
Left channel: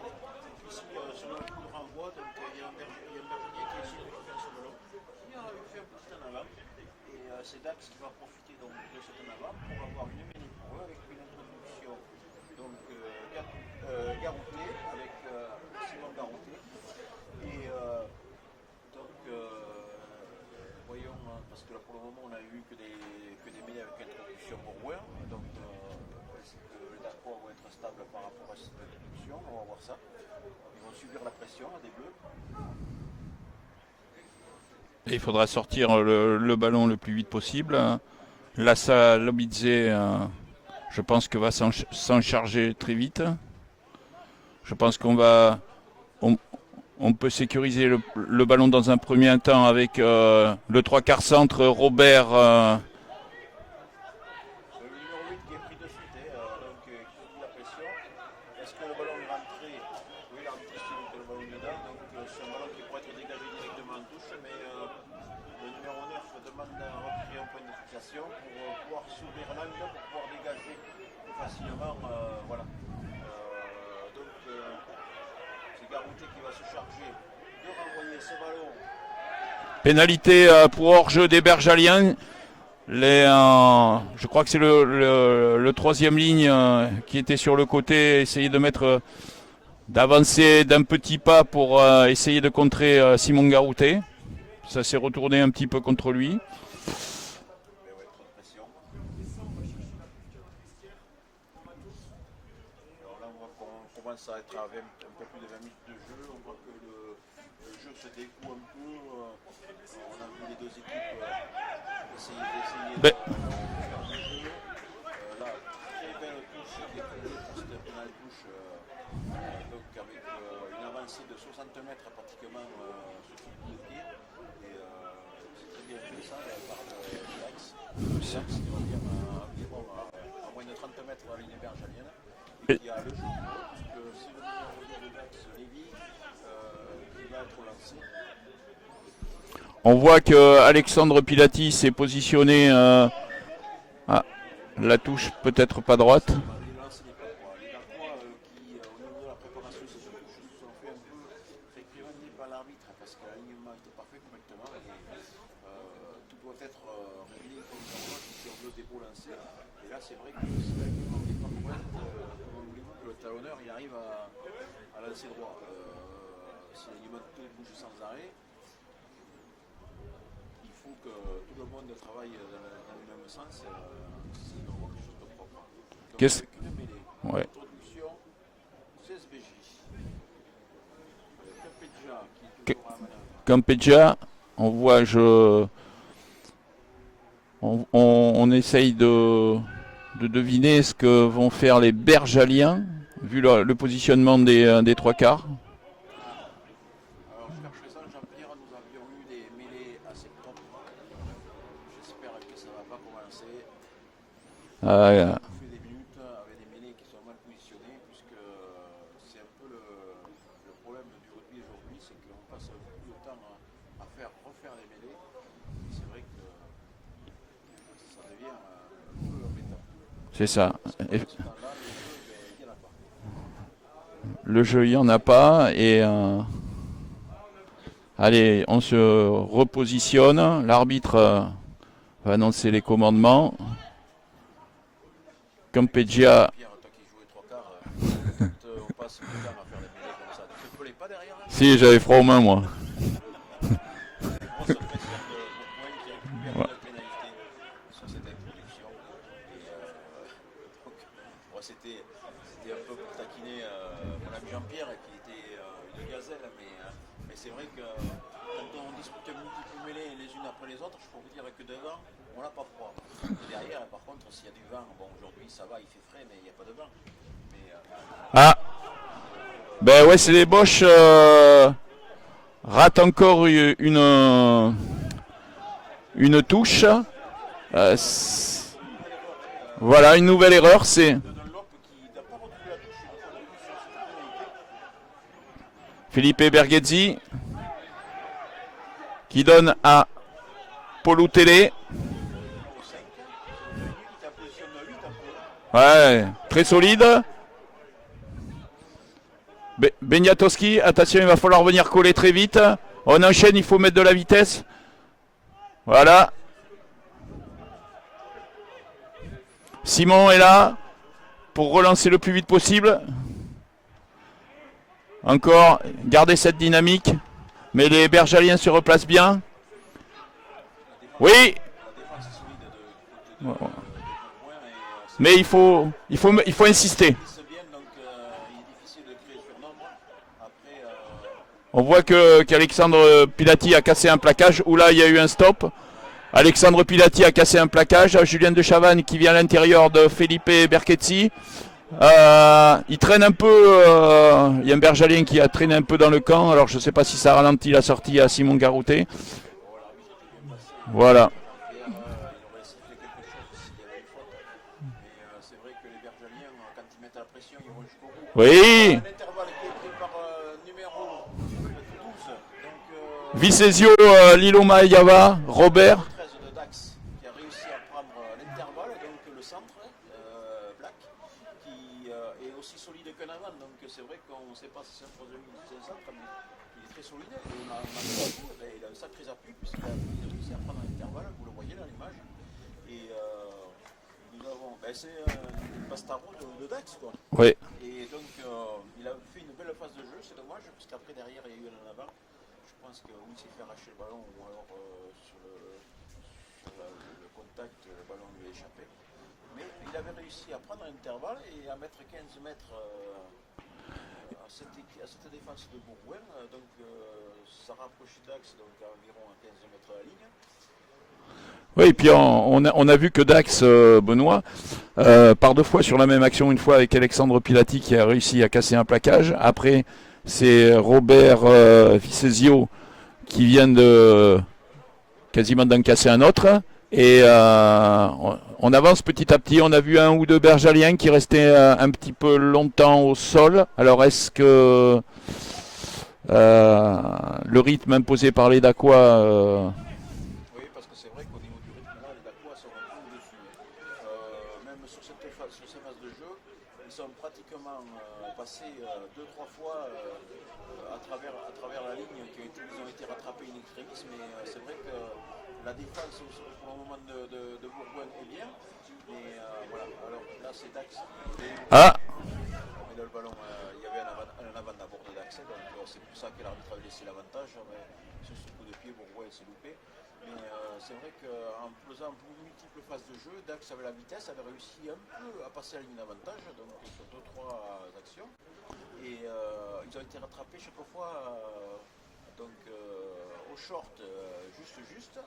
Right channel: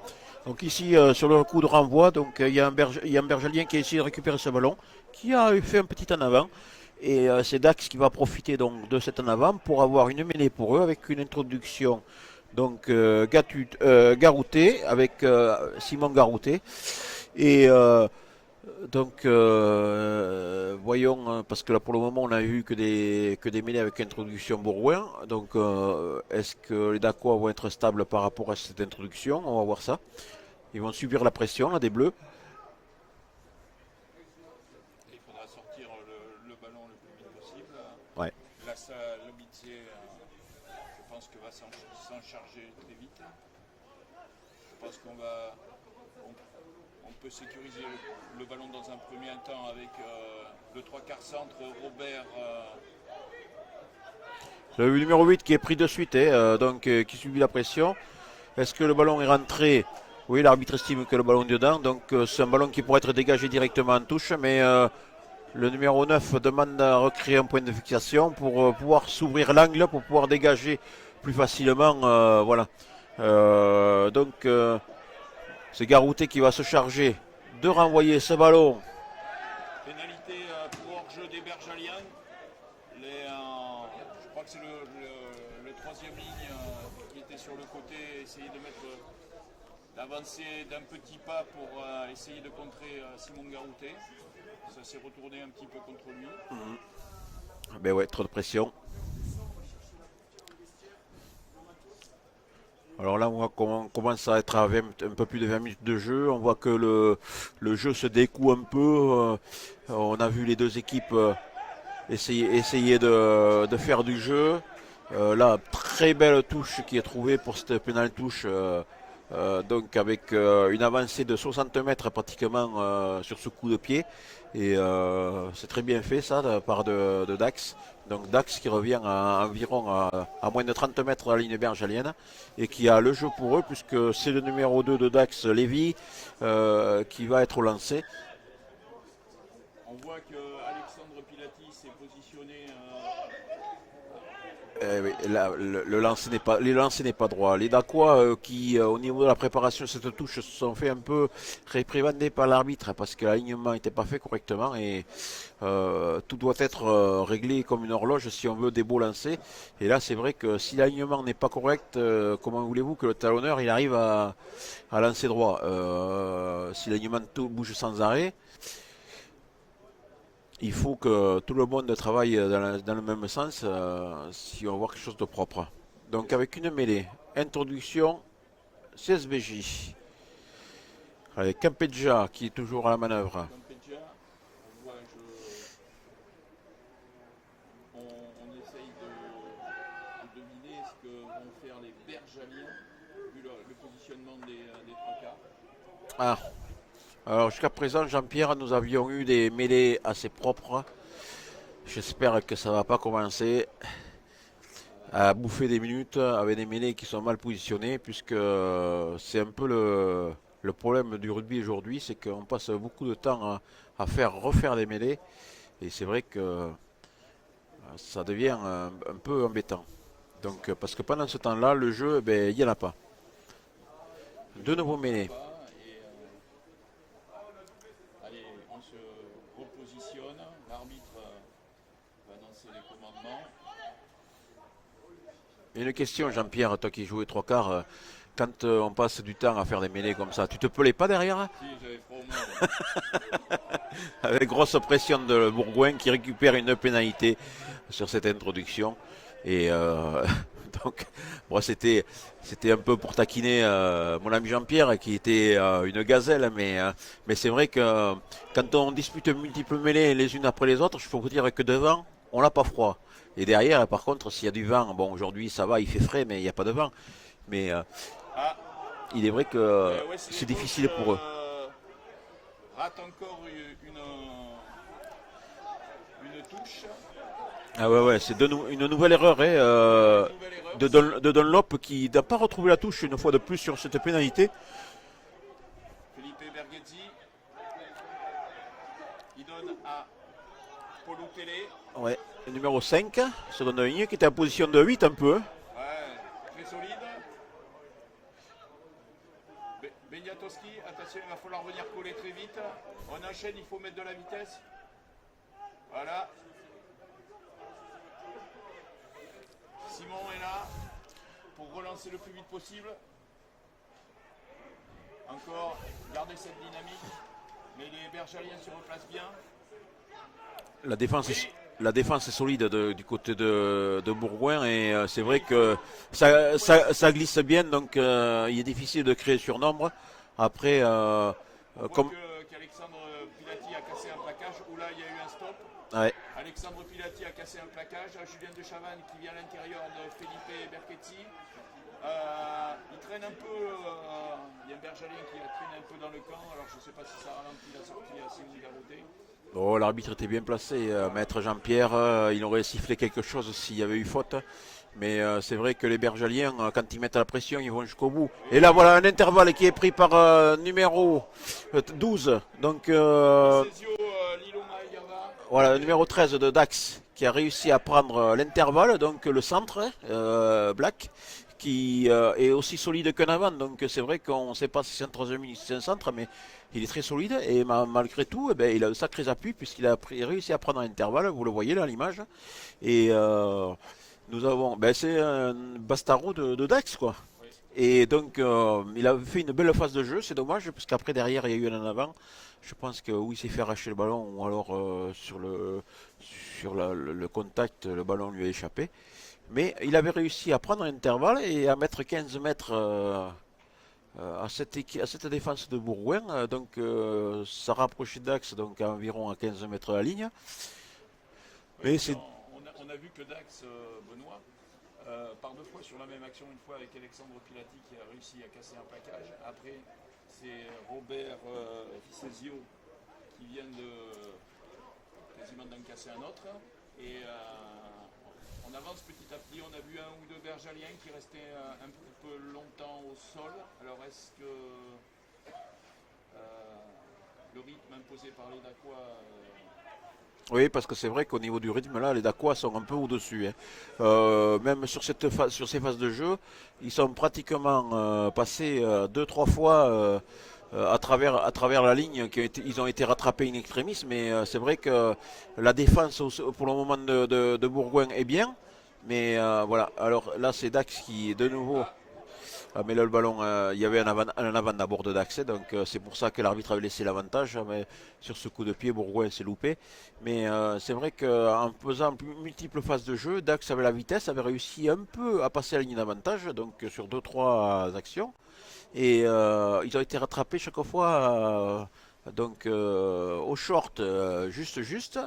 Donc ici sur le coup de renvoi, donc il y a un Bergelien qui a essayé de récupérer ce ballon, qui a fait un petit en avant. Et c'est Dax qui va profiter donc de cet en avant pour avoir une mêlée pour eux avec une introduction. Donc Garouté avec Simon Garouté. Et donc voyons, parce que là pour le moment on a eu que des mêlées avec introduction Bourgoin. Donc est-ce que les Dacois vont être stables par rapport à cette introduction? On va voir ça. Ils vont subir la pression là des Bleus. Et il faudra sortir le ballon le plus vite possible. Ouais. Lassa Lomidze, je pense que va s'en charger très vite. Je pense on peut sécuriser le ballon dans un premier temps avec le 3/4 centre Robert. Le numéro 8 qui est pris de suite, donc qui subit la pression. Est-ce que le ballon est rentré? Oui, l'arbitre estime que le ballon est dedans. Donc c'est un ballon qui pourrait être dégagé directement en touche, mais le numéro 9 demande à recréer un point de fixation pour pouvoir s'ouvrir l'angle, pour pouvoir dégager plus facilement. Voilà. Donc c'est Garouté qui va se charger de renvoyer ce ballon. Pénalité pour hors-jeu des Bergaliens. Je crois que c'est le troisième ligne qui était sur le côté, essayer de mettre, d'avancer d'un petit pas pour essayer de contrer Simon Garouté. Ça s'est retourné un petit peu contre lui. Ben ouais, trop de pression. Alors là, on commence à être à un peu plus de 20 minutes de jeu. On voit que le jeu se découle un peu. On a vu les deux équipes essayer Ben, de faire du jeu. Là, très belle touche qui est trouvée pour cette pénale touche. Donc avec une avancée de 60 mètres pratiquement sur ce coup de pied. Et c'est très bien fait ça de la part de Dax. Donc Dax qui revient à environ à moins de 30 mètres de la ligne bergalienne et qui a le jeu pour eux puisque c'est le numéro 2 de Dax, Lévy, qui va être lancé. on voit que Alexandre Pilati s'est positionné. Ah, la touche peut-être pas droite. Les lancers n'est pas droit. Les Dacois qui, au niveau de la préparation de cette touche, se sont fait un peu réprimander par l'arbitre parce que l'alignement n'était pas fait correctement et tout doit être réglé comme une horloge si on veut des beaux lancers. Et là, c'est vrai que si l'alignement n'est pas correct, comment voulez-vous que le talonneur il arrive à lancer droit si l'alignement bouge sans arrêt, il faut que tout le monde travaille dans le même sens si on veut voir quelque chose de propre. Donc avec une mêlée, Ouais. introduction, CSBJ. Avec Campegia qui est toujours à la manœuvre. Campegia, on voit, on essaye de deviner ce que vont faire les Bergaliens, vu le positionnement des trois quarts. Ah. Alors jusqu'à présent, Jean-Pierre, nous avions eu des mêlées assez propres. J'espère que ça ne va pas commencer à bouffer des minutes avec des mêlées qui sont mal positionnées, puisque c'est un peu le problème du rugby aujourd'hui, c'est qu'on passe beaucoup de temps à refaire des mêlées, et c'est vrai que ça devient un peu embêtant. C'est Donc, ça. parce que pendant ce temps-là, le jeu, il n'y en a pas. Le jeu, il n'y en a pas. Et allez, on se repositionne. L'arbitre va annoncer les commandements. Campegia. Pierre, toi qui jouais trois quarts, quand on passe du temps à faire des mêlées comme ça, tu te pelais pas derrière? Si, j'avais froid aux mains, moi. Avec grosse pression de Bourgoin qui récupère une pénalité sur cette introduction. Et donc, bon, c'était un peu pour taquiner mon ami Jean-Pierre qui était une gazelle, mais c'est vrai que quand on dispute multiples mêlées les unes après les autres, je peux vous dire que devant, on n'a pas froid. Et derrière, par contre, s'il y a du vent, bon, aujourd'hui ça va, il fait frais, mais il n'y a pas de vent. Mais il est vrai que. Ben ouais, c'est les Boches ratent encore une touche. Ouais, c'est une nouvelle erreur. Voilà, une nouvelle erreur. De Dunlop qui n'a pas retrouvé la touche une fois de plus sur cette pénalité. Felipe Berghezzi qui donne à Polutele. Ouais, le numéro 5, seconde ligne, qui était en position de 8 un peu. Ouais, très solide. Beniatowski, attention, il va falloir venir coller très vite. On enchaîne, il faut mettre de la vitesse. Voilà. Simon est là pour relancer le plus vite possible. Encore, garder cette dynamique. Mais les Bergaliens se replacent bien. La défense, Oui. La défense est solide du côté de Bourgoin. Et, mais il faut insister. Ça glisse bien, donc il est difficile de créer surnombre. Après, on voit qu'Alexandre Pilati a cassé un plaquage, où là il y a eu un stop. Ouais. Alexandre Pilati a cassé un plaquage. Julien de Chavannes qui vient à l'intérieur de Felipe Berghezzi. Il traîne un peu. Il y a un Bergalien qui a traîné un peu dans le camp. Alors je ne sais pas si ça ralentit la sortie à Simon Garouté. Oh, l'arbitre était bien placé. Voilà. Jean-Pierre, il aurait sifflé quelque chose s'il y avait eu faute. Mais c'est vrai que les Bergaliens, quand ils mettent la pression, ils vont jusqu'au bout. Oui. Et là, voilà un intervalle qui est pris par numéro 12. Donc, Vicesio, Liloma Yava, Robert. Numéro 13 de Dax qui a réussi à prendre l'intervalle, donc le centre, Black, qui est aussi solide qu'un avant. Donc c'est vrai qu'on ne sait pas si c'est un troisième minute, c'est un centre, mais il est très solide et malgré tout, il a de sacrés appuis puisqu'il a réussi à prendre un intervalle, vous le voyez là à l'image. Et nous avons, c'est un Bastaro de Dax quoi. Oui. Et donc il a fait une belle phase de jeu, c'est dommage parce qu'après derrière il y a eu un en avant. Je pense que oui, il s'est fait arracher le ballon ou alors sur le contact, le ballon lui a échappé. Mais il avait réussi à prendre l'intervalle et à mettre 15 mètres à cette défense de Bourgoin. Donc ça rapprochait Dax donc à environ à 15 mètres de la ligne. Oui, et Mais puis on a vu que Dax, Benoît, par 2 fois sur la même action, une fois avec Alexandre Pilati qui a réussi à casser un plaquage. Après, c'est Robert Vicesio qui vient de quasiment d'en casser un autre. Et on avance petit à petit. On a vu un ou deux Bergaliens qui restaient un petit peu longtemps au sol. Alors est-ce que le rythme imposé par les Dacois oui, parce que c'est vrai qu'au niveau du rythme, là, les Dacois sont un peu au-dessus, hein. Même sur sur ces phases de jeu, ils sont pratiquement passés 2, 3 fois à travers la ligne. Ils ont été rattrapés in extremis, mais c'est vrai que la défense pour le moment de Bourgoin est bien. Mais voilà, alors là, c'est Dax qui, de nouveau, Ah, mais là, le ballon, il y avait un avant d'abord de Dax, donc c'est pour ça que l'arbitre avait laissé l'avantage. Mais sur ce coup de pied, Bourgoin s'est loupé. Mais c'est vrai qu'en faisant multiples phases de jeu, Dax avait la vitesse, avait réussi un peu à passer la ligne d'avantage, donc sur 2, 3 actions. Et ils ont été rattrapés chaque fois au short, juste.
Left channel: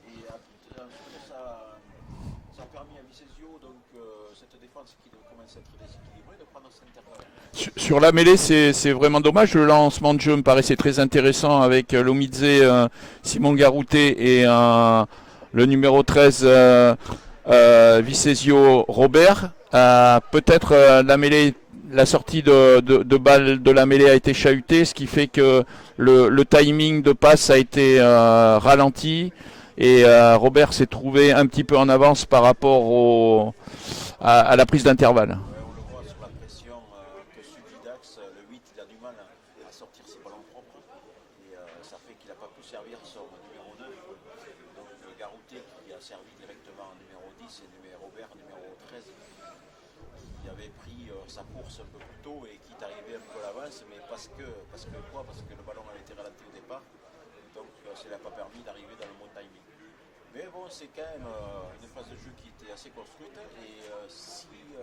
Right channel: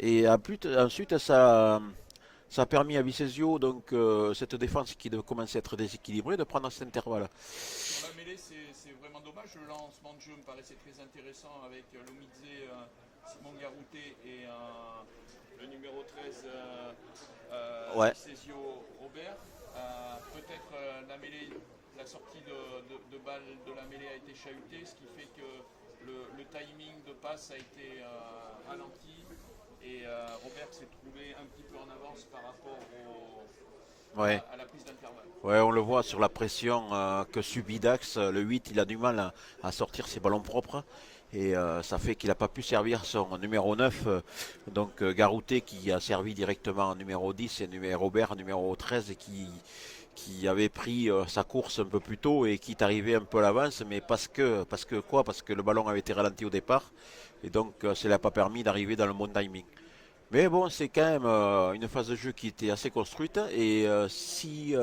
Et ensuite, ça a permis à Vicesio, donc cette défense qui commençait à être déséquilibrée, de prendre cet intervalle. sur la mêlée, c'est vraiment dommage. Le lancement de jeu me paraissait très intéressant avec Lomidze, Simon Garouté et le numéro 13, Ouais. Vicesio Robert. Peut-être la mêlée, la sortie de balle de la mêlée a été chahutée, ce qui fait que le timing de passe a été ralenti. Et Robert s'est trouvé un petit peu en avance par rapport Ouais. à la prise d'intervalle. Ouais, on le voit sur la pression que subit Dax. Le 8, il a du mal à sortir ses ballons propres. Et ça fait qu'il n'a pas pu servir son numéro 9. Donc Garouté qui a servi directement en numéro 10 et Robert numéro 13 et qui avait pris sa course un peu plus tôt et qui est arrivé un peu à l'avance. Mais parce que le ballon avait été ralenti au départ. Et donc ça ne l'a pas permis d'arriver dans le bon timing. Mais bon, c'est quand même une phase de jeu qui était assez construite. Et si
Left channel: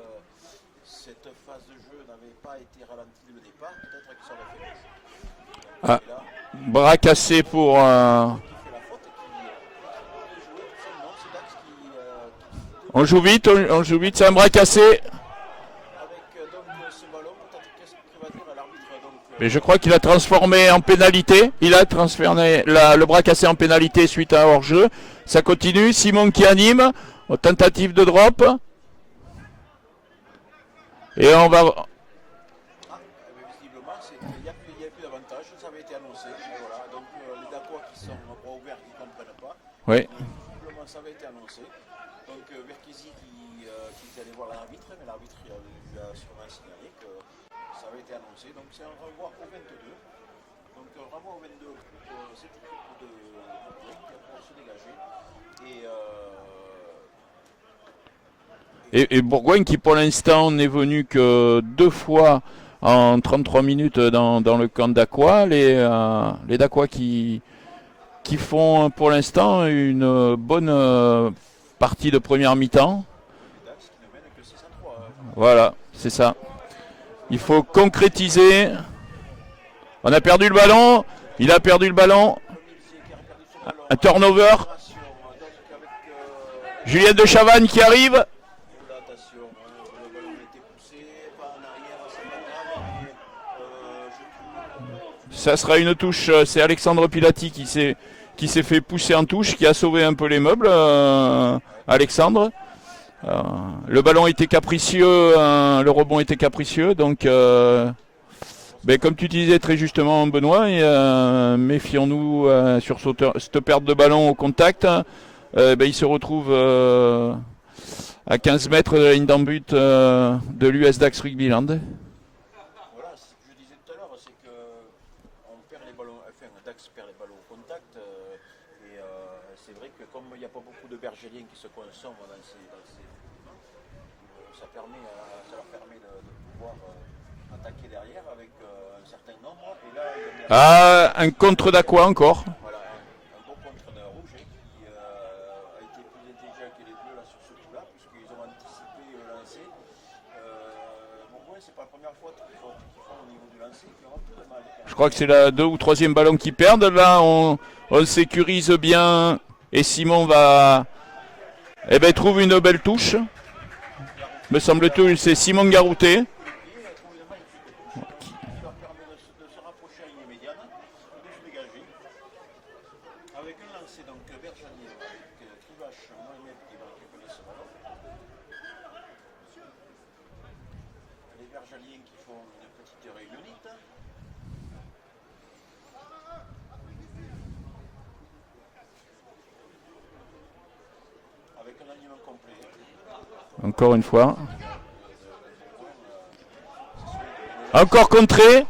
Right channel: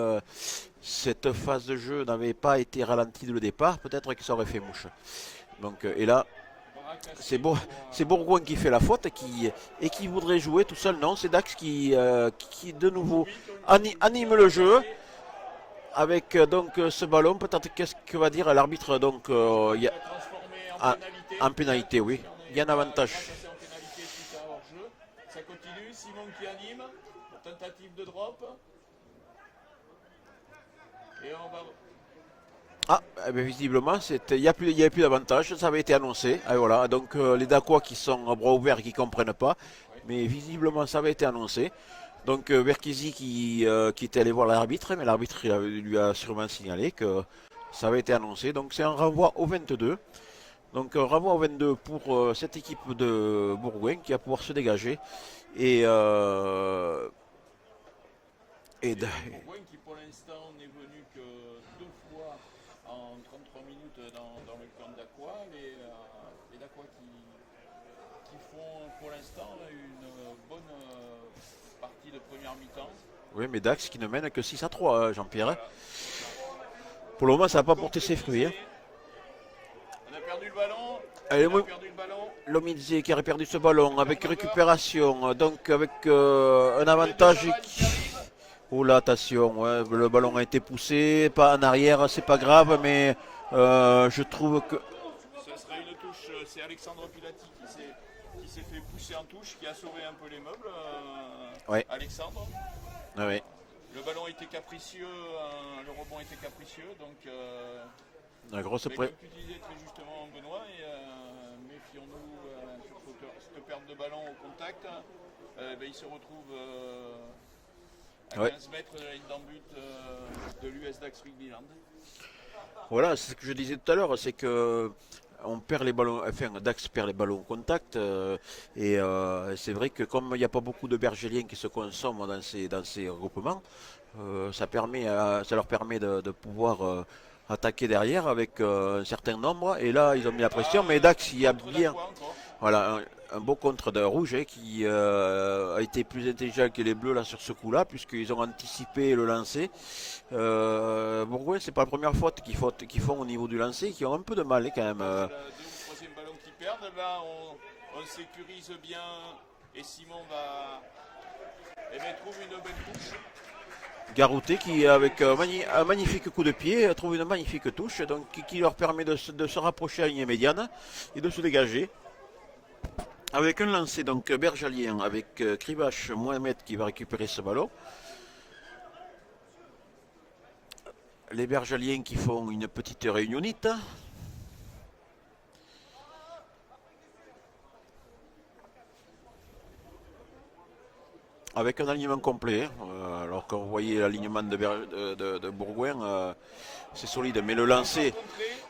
cette phase de jeu n'avait pas été ralentie dès le départ, peut-être que ça aurait fait mouche. Donc, Ah, et là, bras cassé pour c'est Bourgoin qui fait la faute et qui voudrait jouer tout seul. Non, c'est Dax qui de on joue nouveau vite, on joue vite, c'est un anime bras le jeu cassé. avec ce ballon. Peut-être qu'est-ce que va dire l'arbitre. Donc, Mais je crois il y qu'il a transformé en pénalité. en Il a pénalité, oui. transformé Il y en a un le bras touche. cassé en pénalité suite à un hors-jeu. Ça continue. Simon qui anime. Tentative de drop. Et on va. Ah, eh bien, visiblement, il n'y avait plus d'avantage, ça avait été annoncé. Et voilà, donc les Dacois qui sont à bras ouverts et qui ne comprennent pas, Oui. mais visiblement ça avait été annoncé. Donc Verkisi qui était allé voir l'arbitre, mais l'arbitre lui a sûrement signalé que ça avait été annoncé. Donc c'est un renvoi au 22. Donc un renvoi au 22 pour cette équipe de Bourgoin qui va pouvoir se dégager. Et, Et Bourgogne qui pour l'instant n'est venu que 2 fois en 33 minutes dans le camp d'Aqua. Les Dacois qui font pour l'instant une bonne partie de première mi-temps. oui, mais Dax qui ne mène que 6-3, Jean-Pierre. Voilà, c'est ça. Pour le Il moment, ça faut n'a pas beaucoup concrétiser. On a perdu le ballon. circulé. Il a perdu le ballon. Lomidze qui a perdu ce ballon. Un avec une turnover. récupération, donc avec un Julien de avantage. Chavannes qui arrive. Oh là, attention, ouais, le ballon a été poussé, pas en arrière, c'est pas grave, mais je trouve que. Ça sera une touche. C'est Alexandre Pilati qui s'est fait pousser en touche, qui a sauvé un peu les meubles. Ouais. Alexandre. Ah ouais. Le ballon était capricieux, le rebond était capricieux, donc La grosse mais preuve. comme tu disais très justement Benoît, méfions-nous sur cette perte de ballon au contact. Il se retrouve à 15 mètres de la ligne d'en but de l'US Dax Rugbyland. Voilà, c'est ce que je disais tout à l'heure, c'est que on perd les ballons, enfin Dax perd les ballons au contact, et c'est vrai que comme il n'y a pas beaucoup de bergeliens qui se consomment dans ces regroupements, ça leur permet de pouvoir attaquer derrière avec un certain nombre, et là ils ont mis la pression. Et Dax, Un il a contre mis d'Aqua encore. voilà, un beau contre d'un rouge qui a été plus intelligent que les bleus là sur ce coup-là, puisqu'ils ont anticipé le lancer. Bourgoin, c'est pas la première faute qu'ils font au niveau du lancer, qui ont un peu de mal quand même. Je crois que c'est la 2 ou 3e ballon qu'ils perdent. Là, on sécurise bien. Et Simon va trouve une belle touche. Garouté, me semble-t-il, c'est Simon Garouté. Un magnifique coup de pied, trouve une magnifique touche donc, qui leur permet de se rapprocher à la ligne médiane et de se dégager. Avec un lancer donc bergalien avec Krivash Mohamed qui va récupérer ce ballon. Les bergaliens qui font une petite réunionite. Avec un alignement complet, alors encore une fois de Bourgoin, c'est solide, mais le lancer... Encore contré.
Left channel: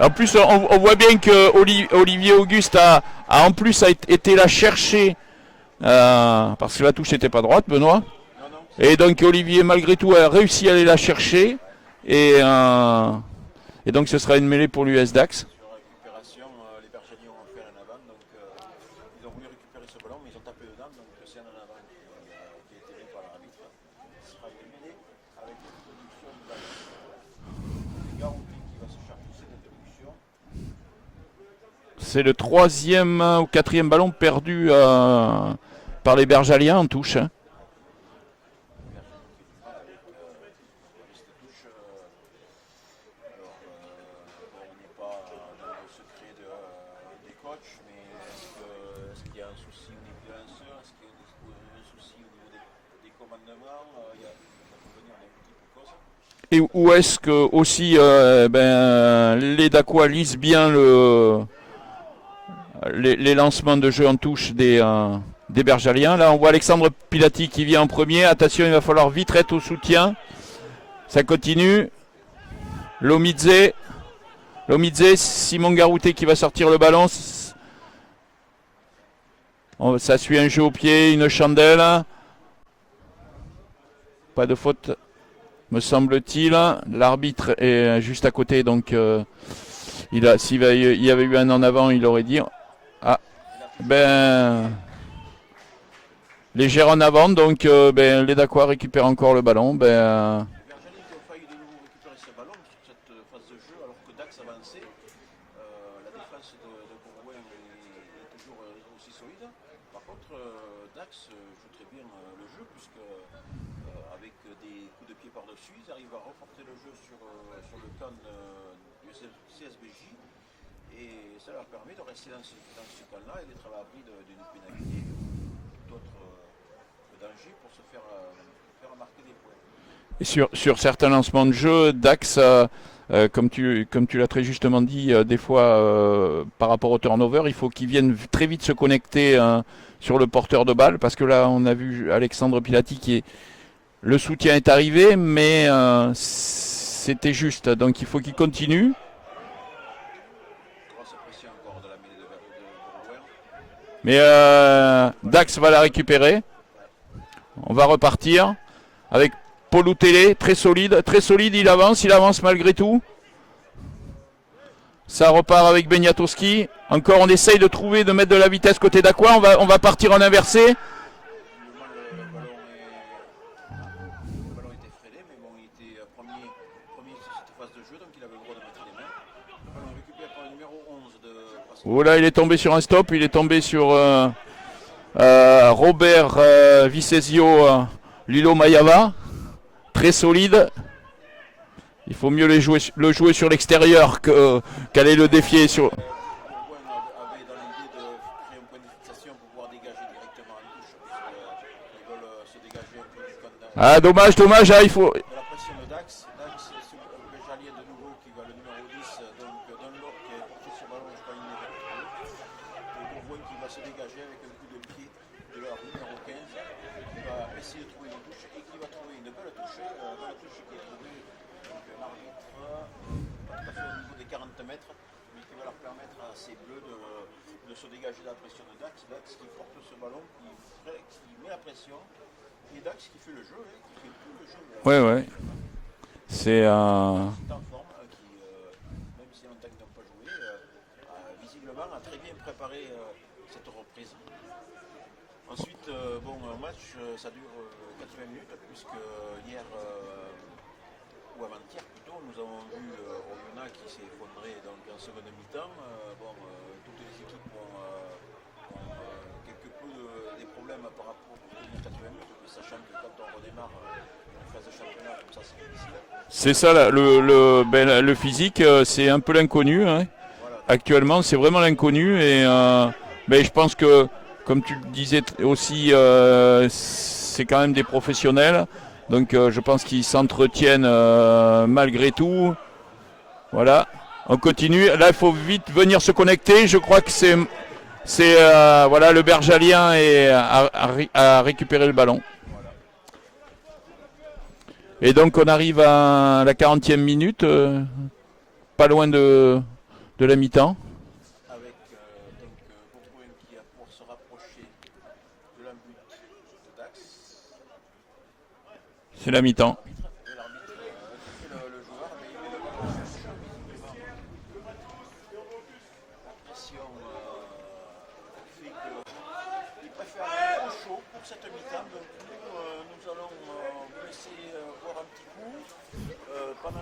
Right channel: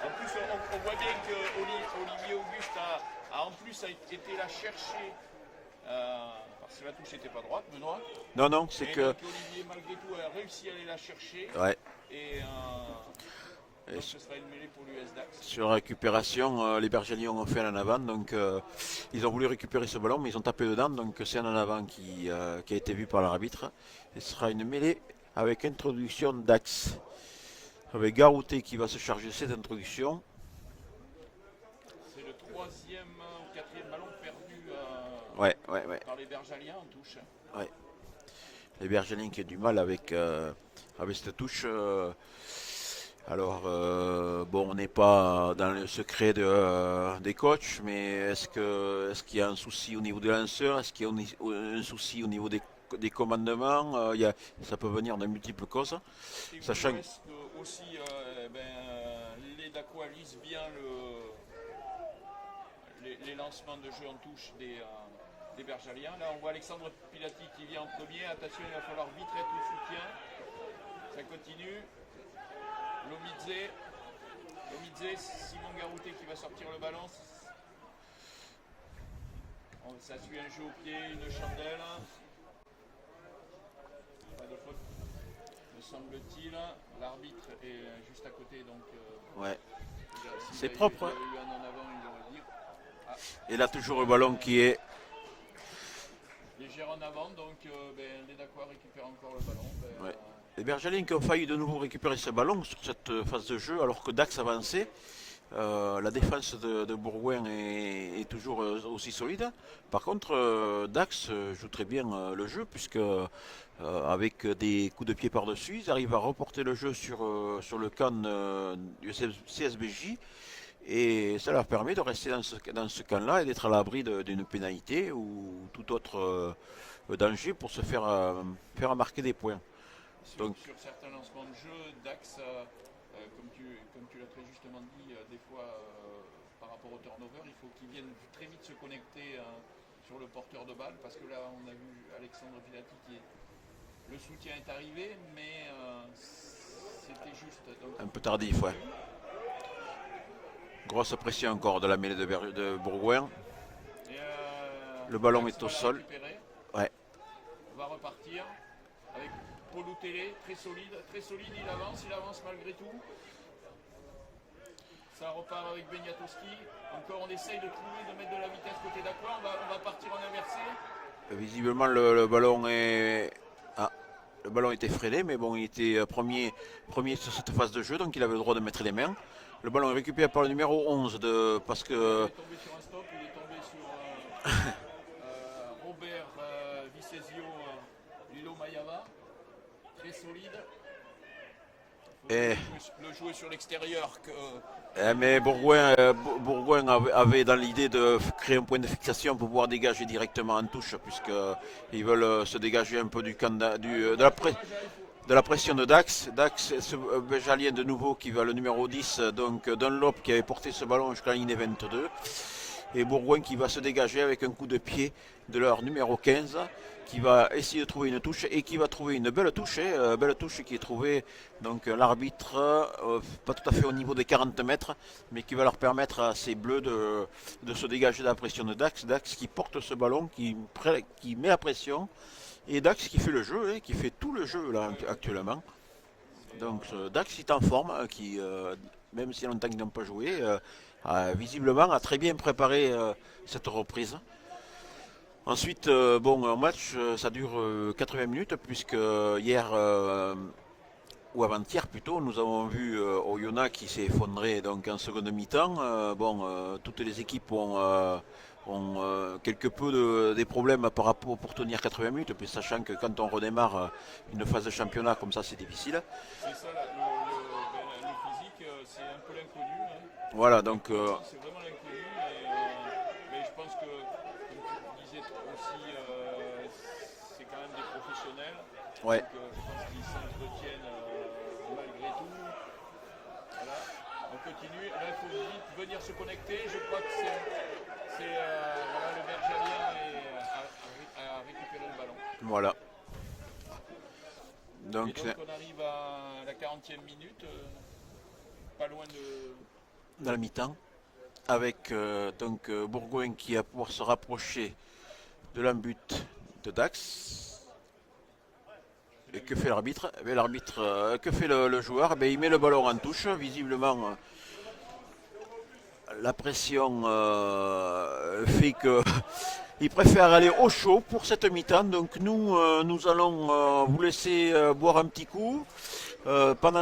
En plus, on voit bien que Olivier Auguste a en plus été la chercher parce que la touche n'était pas droite, Benoît. Non. Et donc Olivier, malgré tout, a réussi à aller la chercher. Ouais. Et donc ce sera une mêlée pour l'US Dax. Sur la récupération, les Bergeliens ont fait un en avant, donc ils ont voulu récupérer ce ballon, mais ils ont tapé dedans, donc c'est un en avant qui a été vu par l'arbitre. Et ce sera une mêlée avec introduction Dax. Avec Garouté qui va se charger de cette introduction. C'est le 3e ou 4e ballon perdu par les Bergaliens en touche. Ouais. Les Bergaliens qui ont du mal avec cette touche. Alors, on n'est pas dans le secret des coachs, mais est-ce qu'il y a un souci au niveau des lanceurs? Est-ce qu'il y a un souci au niveau des commandements? Ça peut venir de multiples causes. Et où est-ce que aussi les Dacois lisent bien les lancements de jeu en touche des Bergaliens? Là, on voit Alexandre Pilati qui vient en premier. Attention, il va falloir vite être au soutien. Ça continue. Lomidze, Simon Garouté qui va sortir le ballon. Ça suit un jeu au pied, une chandelle. Pas de faute, me semble-t-il. L'arbitre est juste à côté, donc s'il y avait eu un en avant, il aurait dit. Ah, et là, toujours le ballon qui est... Légère en avant, donc les Dacois récupèrent encore le ballon. Les Bergaliens qui ont failli de nouveau récupérer ce ballon sur cette phase de jeu, alors que Dax avançait. La défense de Bourgoin est toujours aussi solide. Par contre, Dax joue très bien le jeu, puisque avec des coups de pied par-dessus, ils arrivent à reporter le jeu sur le camp du CSBJ. Et ça leur permet de rester dans ce camp-là et d'être à l'abri d'une pénalité ou tout autre danger pour se faire marquer des points. Et sur certains lancements de jeu, Dax, comme tu l'as très justement dit, des fois par rapport au turnover, il faut qu'ils viennent très vite se connecter sur le porteur de balle, parce que là on a vu Alexandre Pilati le soutien est arrivé, mais c'était juste, donc il faut qu'il continue. Ouais. Grosse pression encore de la mêlée de Bourgoin. Mais Dax va la récupérer. Ouais. On va repartir avec Poloutélé, très solide, il avance malgré tout. Ça repart avec Beniatowski. Encore on essaye de mettre de la vitesse côté d'Aqua. On va partir en inversé. Visiblement le ballon est... le ballon était freiné, mais bon, il était premier sur cette phase de jeu, donc il avait le droit de mettre les mains. Le ballon est récupéré par le numéro 11 de Pascal. Oh là, il est tombé sur un stop, il est tombé sur Robert Vicesio Lilo Mayava. Très solide. Il faut mieux le jouer sur l'extérieur qu'aller le défier. Bourgoin avait dans l'idée de créer un point de fixation pour pouvoir dégager directement en touche, puisqu'ils veulent se dégager un peu du camp dommage, il faut... de la pression de Dax. Dax, ce Béjalien de nouveau qui va le numéro 10, donc Dunlop qui avait porté ce ballon jusqu'à la ligne 22. Et Bourgoin qui va se dégager avec un coup de pied de leur numéro 15, qui va essayer de trouver une touche et qui va trouver une belle touche qui est trouvée, donc l'arbitre pas tout à fait au niveau des 40 mètres, mais qui va leur permettre à ces bleus de se dégager de la pression de Dax. Dax qui porte ce ballon, qui met la pression, et Dax qui fait le jeu, qui fait tout le jeu là actuellement. C'est Dax est en forme, même si longtemps qu'ils n'ont pas joué, visiblement a très bien préparé cette reprise. Ensuite, un match, ça dure 80 minutes, puisque hier, ou avant-hier plutôt, nous avons vu Oyonnax qui s'est effondré donc, en seconde mi-temps. Toutes les équipes ont quelque peu des problèmes par rapport pour tenir 80 minutes, puis sachant que quand on redémarre une phase de championnat comme ça, c'est difficile. C'est ça, le physique, c'est un peu l'inconnu. Hein. Voilà, donc, actuellement, c'est vraiment l'inconnu. Et je pense que, comme tu le disais aussi, c'est quand même des professionnels. ouais. Donc je pense qu'ils s'entretiennent malgré tout. Voilà, on continue. Là, il faut vite venir se connecter. Je crois que c'est le Bergalien a récupéré le ballon. Voilà. Et donc on arrive à la 40e minute, pas loin de la mi-temps. Avec Bourgoin qui va pouvoir se rapprocher de l'embut de Dax. C'est la mi-temps. L'arbitre, que fait le joueur? Il met le ballon en touche, visiblement. La pression fait qu'il préfère aller au chaud pour cette mi-temps. Donc nous allons vous laisser boire un petit coup. Pendant